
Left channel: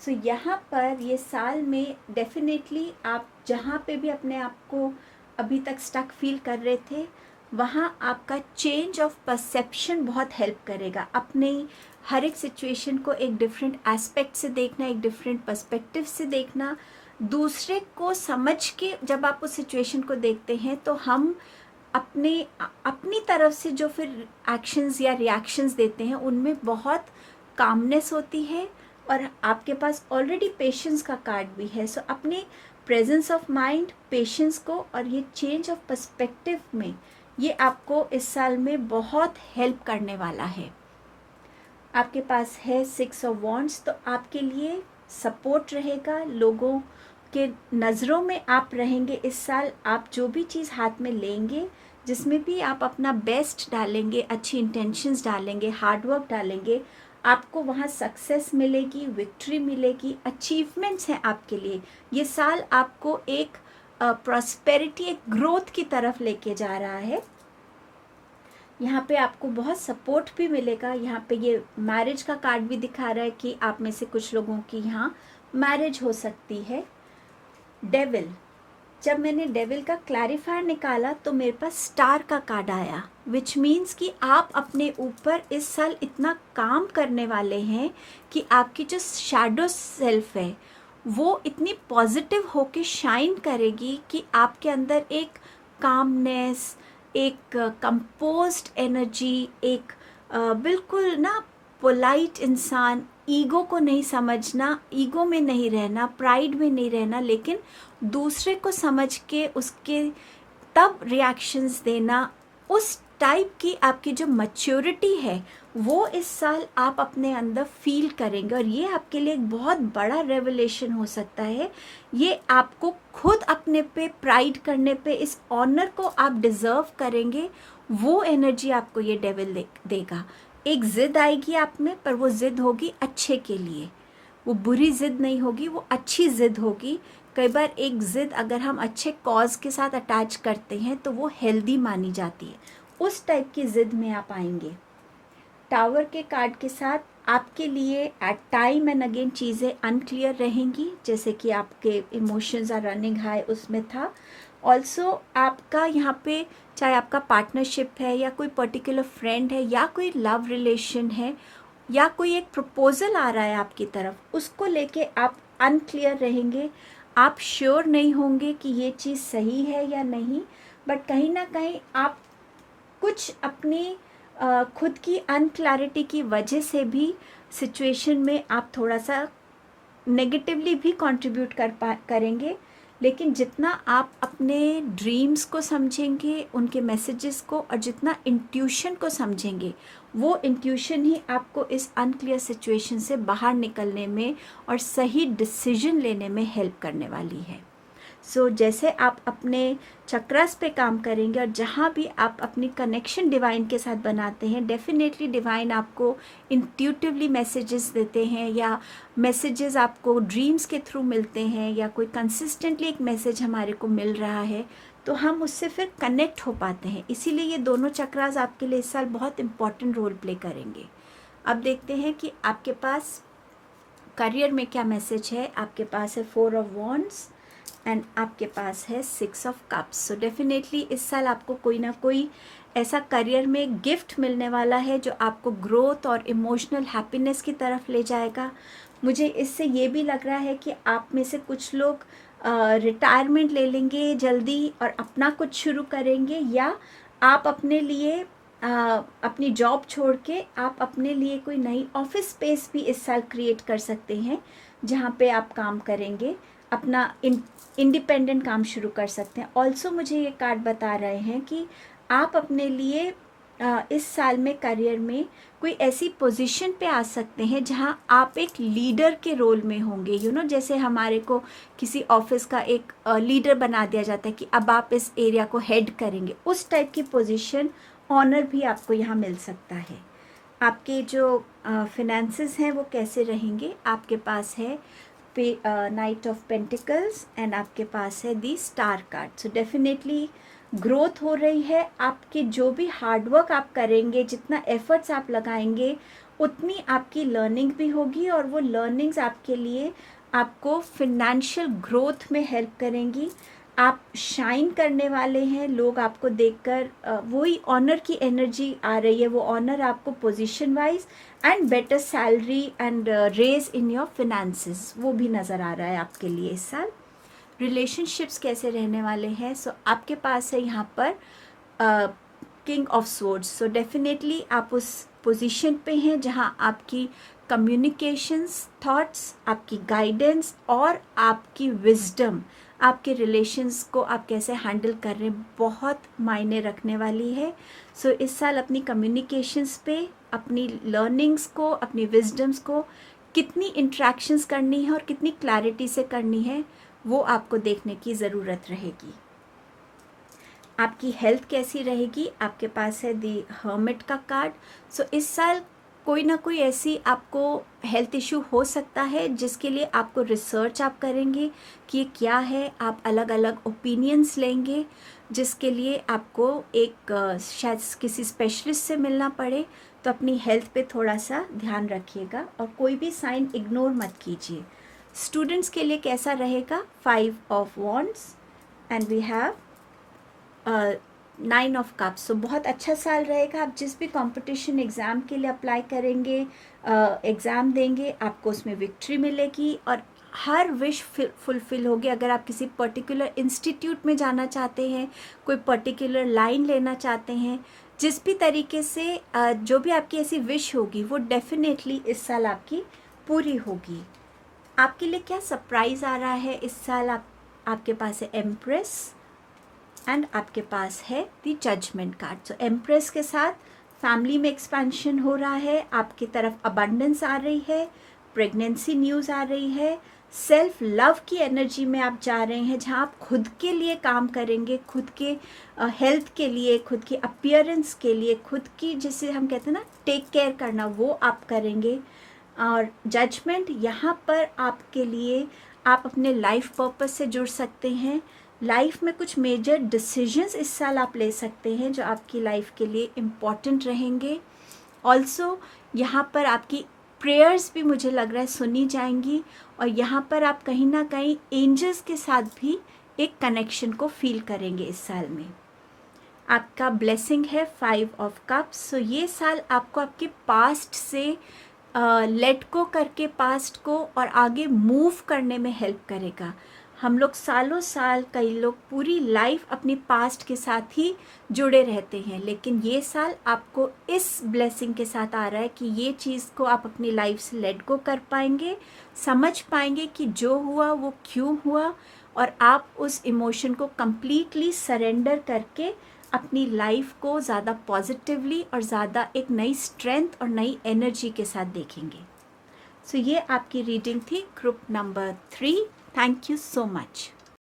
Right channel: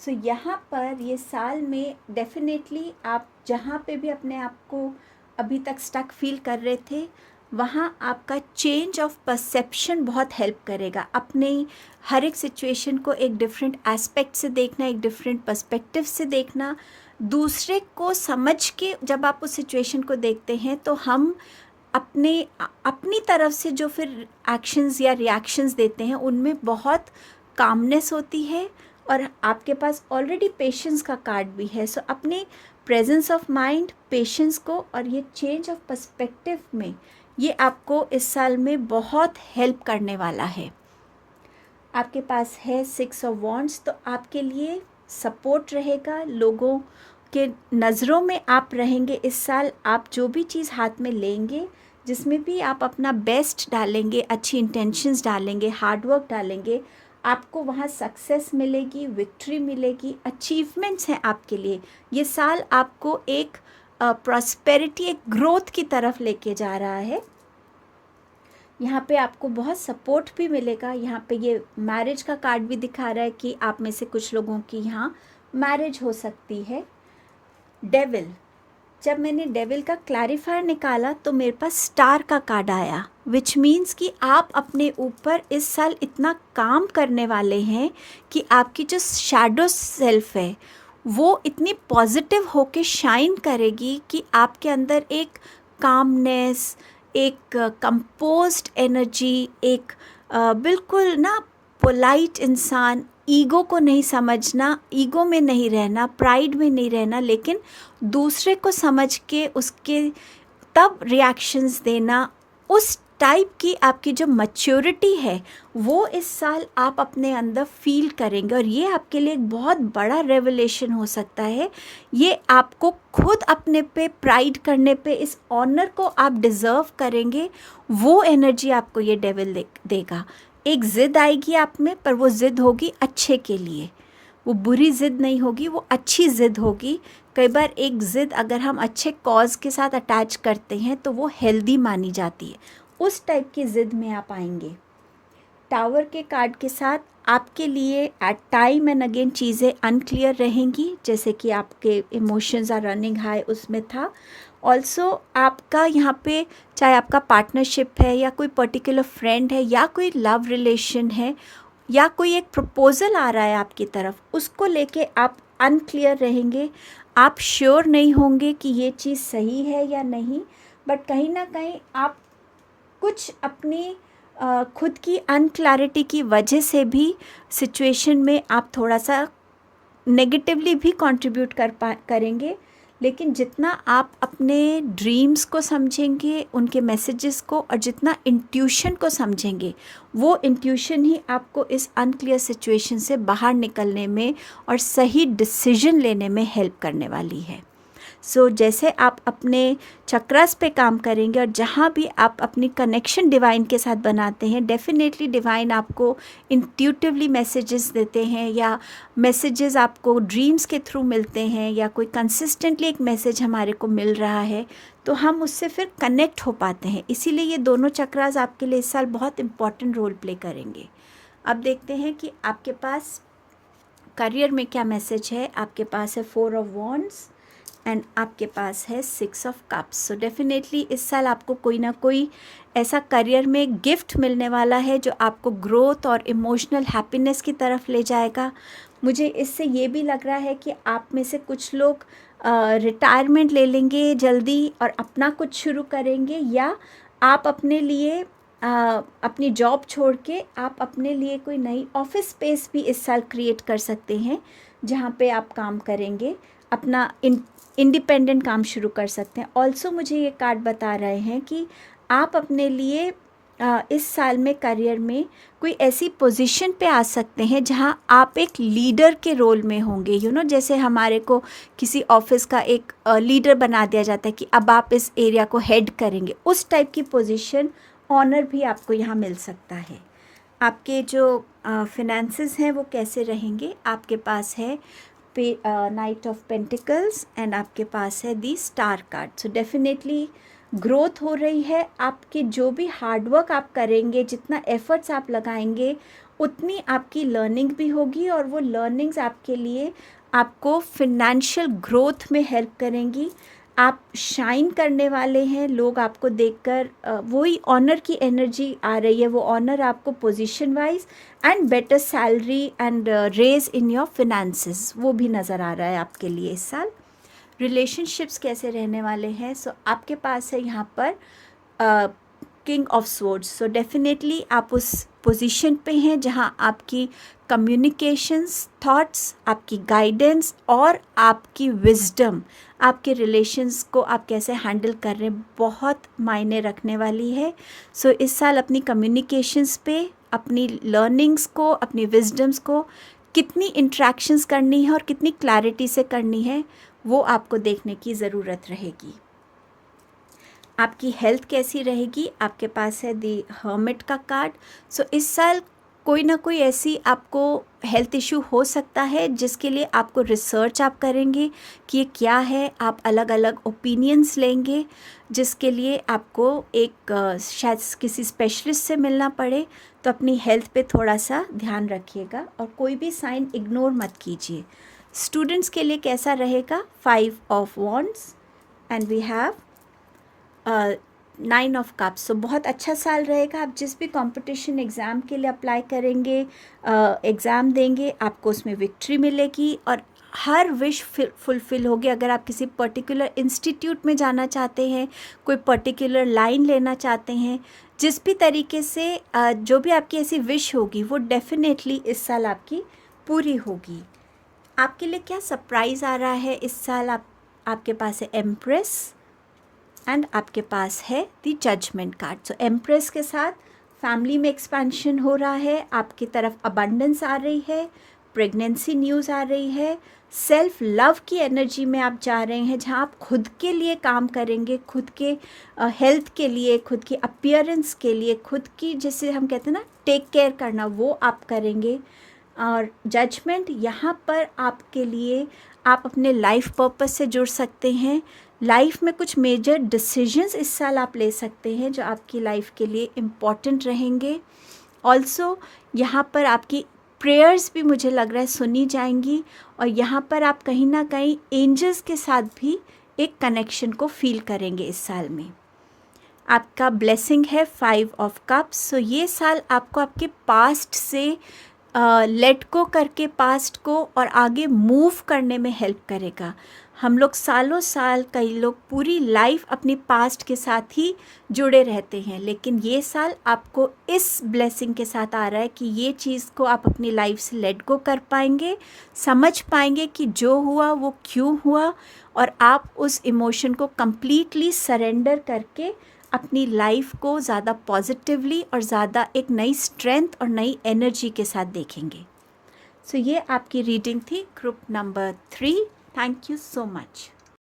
सो यहाँ पर ये साल में डेफिनेटली आप जहाँ पे भी अपने आप को अभी तक स्टक फील कर रहे थे, वहाँ आपका चेंज ऑफ परसेप्शन बहुत हेल्प करेगा। अपने हर एक सिचुएशन को एक डिफरेंट एस्पेक्ट से देखना, एक डिफरेंट पर्सपेक्टिव से देखना, दूसरे को समझ के जब आप उस सिचुएशन को देखते हैं तो हम अपनी तरफ से जो फिर एक्शंस या रिएक्शंस देते हैं उनमें बहुत कामनेस होती है। और आपके पास ऑलरेडी पेशेंस का कार्ड भी है। सो अपने प्रेजेंस ऑफ माइंड, पेशेंस को और ये चेंज ऑफ पर्सपेक्टिव में ये आपको इस साल में बहुत हेल्प करने वाला है। आपके पास है 6 ऑफ वॉन्ड्स, तो आपके लिए सपोर्ट रहेगा, लोगों के नज़रों में आप रहेंगे इस साल। आप जो भी चीज़ हाथ में लेंगे, जिसमें भी आप अपना बेस्ट डालेंगे, अच्छी इंटेंशंस डालेंगे, हार्डवर्क डालेंगे, आपको वहाँ सक्सेस मिलेगी, विक्ट्री मिलेगी, अचीवमेंट्स हैं आपके लिए। ये साल आपको एक प्रॉस्पेरिटी, एक ग्रोथ की तरफ लेके जा रहा है। यहाँ पे आपको बहुत सपोर्ट भी मिलेगा। यहाँ पे ये मैरिज का कार्ड भी दिखा रहा है कि आप में से कुछ लोगों की यहाँ मैरिज हो सकती है। डेविल, जब मैंने डेविल का क्लैरिफायर निकाला तो मेरे पास स्टार का कार्ड आया, विच मीन्स कि आप अपने ऊपर इस साल इतना काम करने वाले हैं कि आपकी जो शैडो सेल्फ है वो इतनी पॉजिटिव होके शाइन करेगी कि आपके अंदर एक कामनेस, एक कंपोज्ड एनर्जी, एक बिल्कुल ना पोलाइट इंसान, ईगो को नहीं समझना, ईगो में नहीं रहना, प्राइड में नहीं रहना, लेकिन दूसरे को समझ के उसके तब रिएक्शंस देना, उस टाइप की आपकी जो मैच्योरिटी है वो इस साल आप अपने अंदर फील करेंगे। और ये आपके लिए एक बहुत बड़ा रेवलेशन हो सकता है। ये आपको खुद अपने पे प्राइड करने पे, इस ऑनर को आप डिज़र्व करेंगे, वो एनर्जी आपको ये डेविल देगा। एक ज़िद आएगी आप में, पर वो ज़िद होगी अच्छे के लिए, वो बुरी ज़िद नहीं होगी, वो अच्छी ज़िद होगी। कई बार एक ज़िद अगर हम अच्छे कॉज के साथ अटैच करते हैं तो वो हेल्दी मानी जाती है, उस टाइप की ज़िद में आप आएंगे। टावर के कार्ड के साथ आपके लिए एट टाइम एंड अगेन चीज़ें अनक्लियर रहेंगी, जैसे कि आपके इमोशंस आर रनिंग हाई, उसमें था। ऑल्सो आपका यहाँ पे चाहे आपका पार्टनरशिप है या कोई पर्टिकुलर फ्रेंड है या कोई लव रिलेशन है या कोई एक प्रपोज़ल आ रहा है आपकी तरफ, उसको लेके आप अनक्लियर रहेंगे। आप श्योर नहीं होंगे कि ये चीज़ सही है या नहीं, बट कहीं ना कहीं आप कुछ अपनी खुद की अनक्लैरिटी की वजह से भी सिचुएशन में आप थोड़ा सा नेगेटिवली भी कंट्रीब्यूट करेंगे। लेकिन जितना आप अपने ड्रीम्स को समझेंगे, उनके मैसेजेस को, और जितना इंट्यूशन को समझेंगे, वो इंट्यूशन ही आपको इस अनक्लियर सिचुएशन से बाहर निकलने में और सही डिसीजन लेने में हेल्प करने वाली है। जैसे आप अपने चक्रास पे काम करेंगे और जहाँ भी आप अपनी कनेक्शन डिवाइन के साथ बनाते हैं, डेफिनेटली डिवाइन आपको इंट्यूटिवली मैसेजेस देते हैं, या मैसेजेस आपको ड्रीम्स के थ्रू मिलते हैं, या कोई कंसिस्टेंटली एक मैसेज हमारे को मिल रहा है, तो हम उससे फिर कनेक्ट हो पाते हैं। इसीलिए ये दोनों चक्रास आपके लिए इस साल बहुत इम्पॉर्टेंट रोल प्ले करेंगे। अब देखते हैं कि आपके पास करियर में क्या मैसेज है। आपके पास है 4 ऑफ वॉन्ड्स एंड आपके पास है 6 ऑफ कप्स। सो डेफिनेटली इस साल आपको कोई ना कोई ऐसा करियर में गिफ्ट मिलने वाला है जो आपको ग्रोथ और इमोशनल हैप्पीनेस की तरफ ले जाएगा। मुझे इससे ये भी लग रहा है कि आप में से कुछ लोग रिटायरमेंट ले लेंगे जल्दी और अपना कुछ शुरू करेंगे, या आप अपने लिए अपनी जॉब छोड़ के आप अपने लिए कोई नई ऑफिस स्पेस भी इस साल क्रिएट कर सकते हैं, जहाँ पे आप काम करेंगे, अपना इंडिपेंडेंट काम शुरू कर सकते हैं। ऑल्सो मुझे ये कार्ड बता रहे हैं कि आप अपने लिए इस साल में करियर में कोई ऐसी पोजीशन पे आ सकते हैं जहां आप एक लीडर के रोल में होंगे। जैसे हमारे को किसी ऑफिस का एक लीडर बना दिया जाता है कि अब आप इस एरिया को हेड करेंगे, उस टाइप की पोजीशन, ऑनर भी आपको यहाँ मिल सकता है। आपके जो फिनेंसेस हैं वो कैसे रहेंगे, आपके पास है नाइट ऑफ पेंटिकल्स एंड आपके पास है the star card. So definitely growth हो रही है। आपके जो भी हार्डवर्क आप करेंगे, जितना एफर्ट्स आप लगाएंगे, उतनी आपकी लर्निंग भी होगी, और वो लर्निंग्स आपके लिए आपको फिनेंशियल ग्रोथ में हेल्प करेंगी। आप शाइन करने वाले हैं, लोग आपको देखकर वही ऑनर की एनर्जी आ रही है, वो ऑनर आपको position wise and better salary and raise in your finances, वो भी नज़र आ रहा है आपके लिए इस साल। रिलेशनशिप्स कैसे रहने वाले हैं, आपके पास है यहाँ पर king of swords. So definitely आप उस पोजीशन पे हैं जहाँ आपकी कम्युनिकेशंस, थॉट्स, आपकी गाइडेंस और आपकी विजडम आपके रिलेशंस को आप कैसे हैंडल कर रहे हैं, बहुत मायने रखने वाली है। इस साल अपनी कम्युनिकेशंस पे, अपनी लर्निंग्स को, अपनी विजडम्स को कितनी इंट्रैक्शंस करनी है और कितनी क्लैरिटी से करनी है, वो आपको देखने की ज़रूरत रहेगी। आपकी हेल्थ कैसी रहेगी, आपके पास है दी हर्मिट का कार्ड। इस साल कोई ना कोई ऐसी आपको हेल्थ इशू हो सकता है जिसके लिए आपको रिसर्च आप करेंगे कि ये क्या है, आप अलग अलग ओपिनियंस लेंगे, जिसके लिए आपको एक शायद किसी स्पेशलिस्ट से मिलना पड़े। तो अपनी हेल्थ पे थोड़ा सा ध्यान रखिएगा और कोई भी साइन इग्नोर मत कीजिए। स्टूडेंट्स के लिए कैसा रहेगा, 5 of wands and we have 9 of cups. बहुत अच्छा साल रहेगा। आप जिस भी कंपटीशन एग्ज़ाम के लिए अप्लाई करेंगे, एग्ज़ाम देंगे, आपको उसमें विक्ट्री मिलेगी और हर विश फुलफ़िल होगी। अगर आप किसी पर्टिकुलर इंस्टीट्यूट में जाना चाहते हैं, कोई पर्टिकुलर लाइन लेना चाहते हैं, जिस भी तरीके से जो भी आपकी ऐसी विश होगी, वो डेफिनेटली इस साल आपकी पूरी होगी। आपके लिए क्या सरप्राइज़ आ रहा है इस साल, आपके पास है एम्प्रेस एंड आपके पास है द जजमेंट कार्ड। एम्प्रेस के साथ फैमिली में एक्सपेंशन हो रहा है, आपकी तरफ अबंडेंस आ रही है, प्रेगनेंसी न्यूज़ आ रही है, सेल्फ लव की एनर्जी में आप जा रहे हैं, जहाँ आप खुद के लिए काम करेंगे, खुद के हेल्थ के लिए, खुद की अपीयरेंस के लिए, खुद की, जैसे हम कहते हैं ना, टेक केयर करना, वो आप करेंगे। और जजमेंट यहाँ पर आपके लिए, आप अपने लाइफ पर्पस से जुड़ सकते हैं। लाइफ में कुछ मेजर डिसीजंस इस साल आप ले सकते हैं जो आपकी लाइफ के लिए इम्पॉर्टेंट रहेंगे। ऑल्सो यहाँ पर आपकी प्रेयर्स भी मुझे लग रहा है सुनी जाएंगी, और यहाँ पर आप कहीं ना कहीं एंजल्स के साथ भी एक कनेक्शन को फील करेंगे इस साल में। आपका ब्लेसिंग है 5 ऑफ कप्स। ये साल आपको आपके पास्ट से लेट को करके पास्ट को और आगे मूव करने में हेल्प करेगा। हम लोग सालों साल, कई लोग पूरी लाइफ अपनी पास्ट के साथ ही जुड़े रहते हैं, लेकिन ये साल आपको इस ब्लेसिंग के साथ आ रहा है कि ये चीज़ को आप अपनी लाइफ से लेट गो कर पाएंगे, समझ पाएंगे कि जो हुआ वो क्यों हुआ, और आप उस इमोशन को कंप्लीटली सरेंडर करके अपनी लाइफ को ज़्यादा पॉजिटिवली और ज़्यादा एक नई स्ट्रेंथ और नई एनर्जी के साथ देखेंगे। सो ये आपकी रीडिंग थी group number 3। Thank you so much.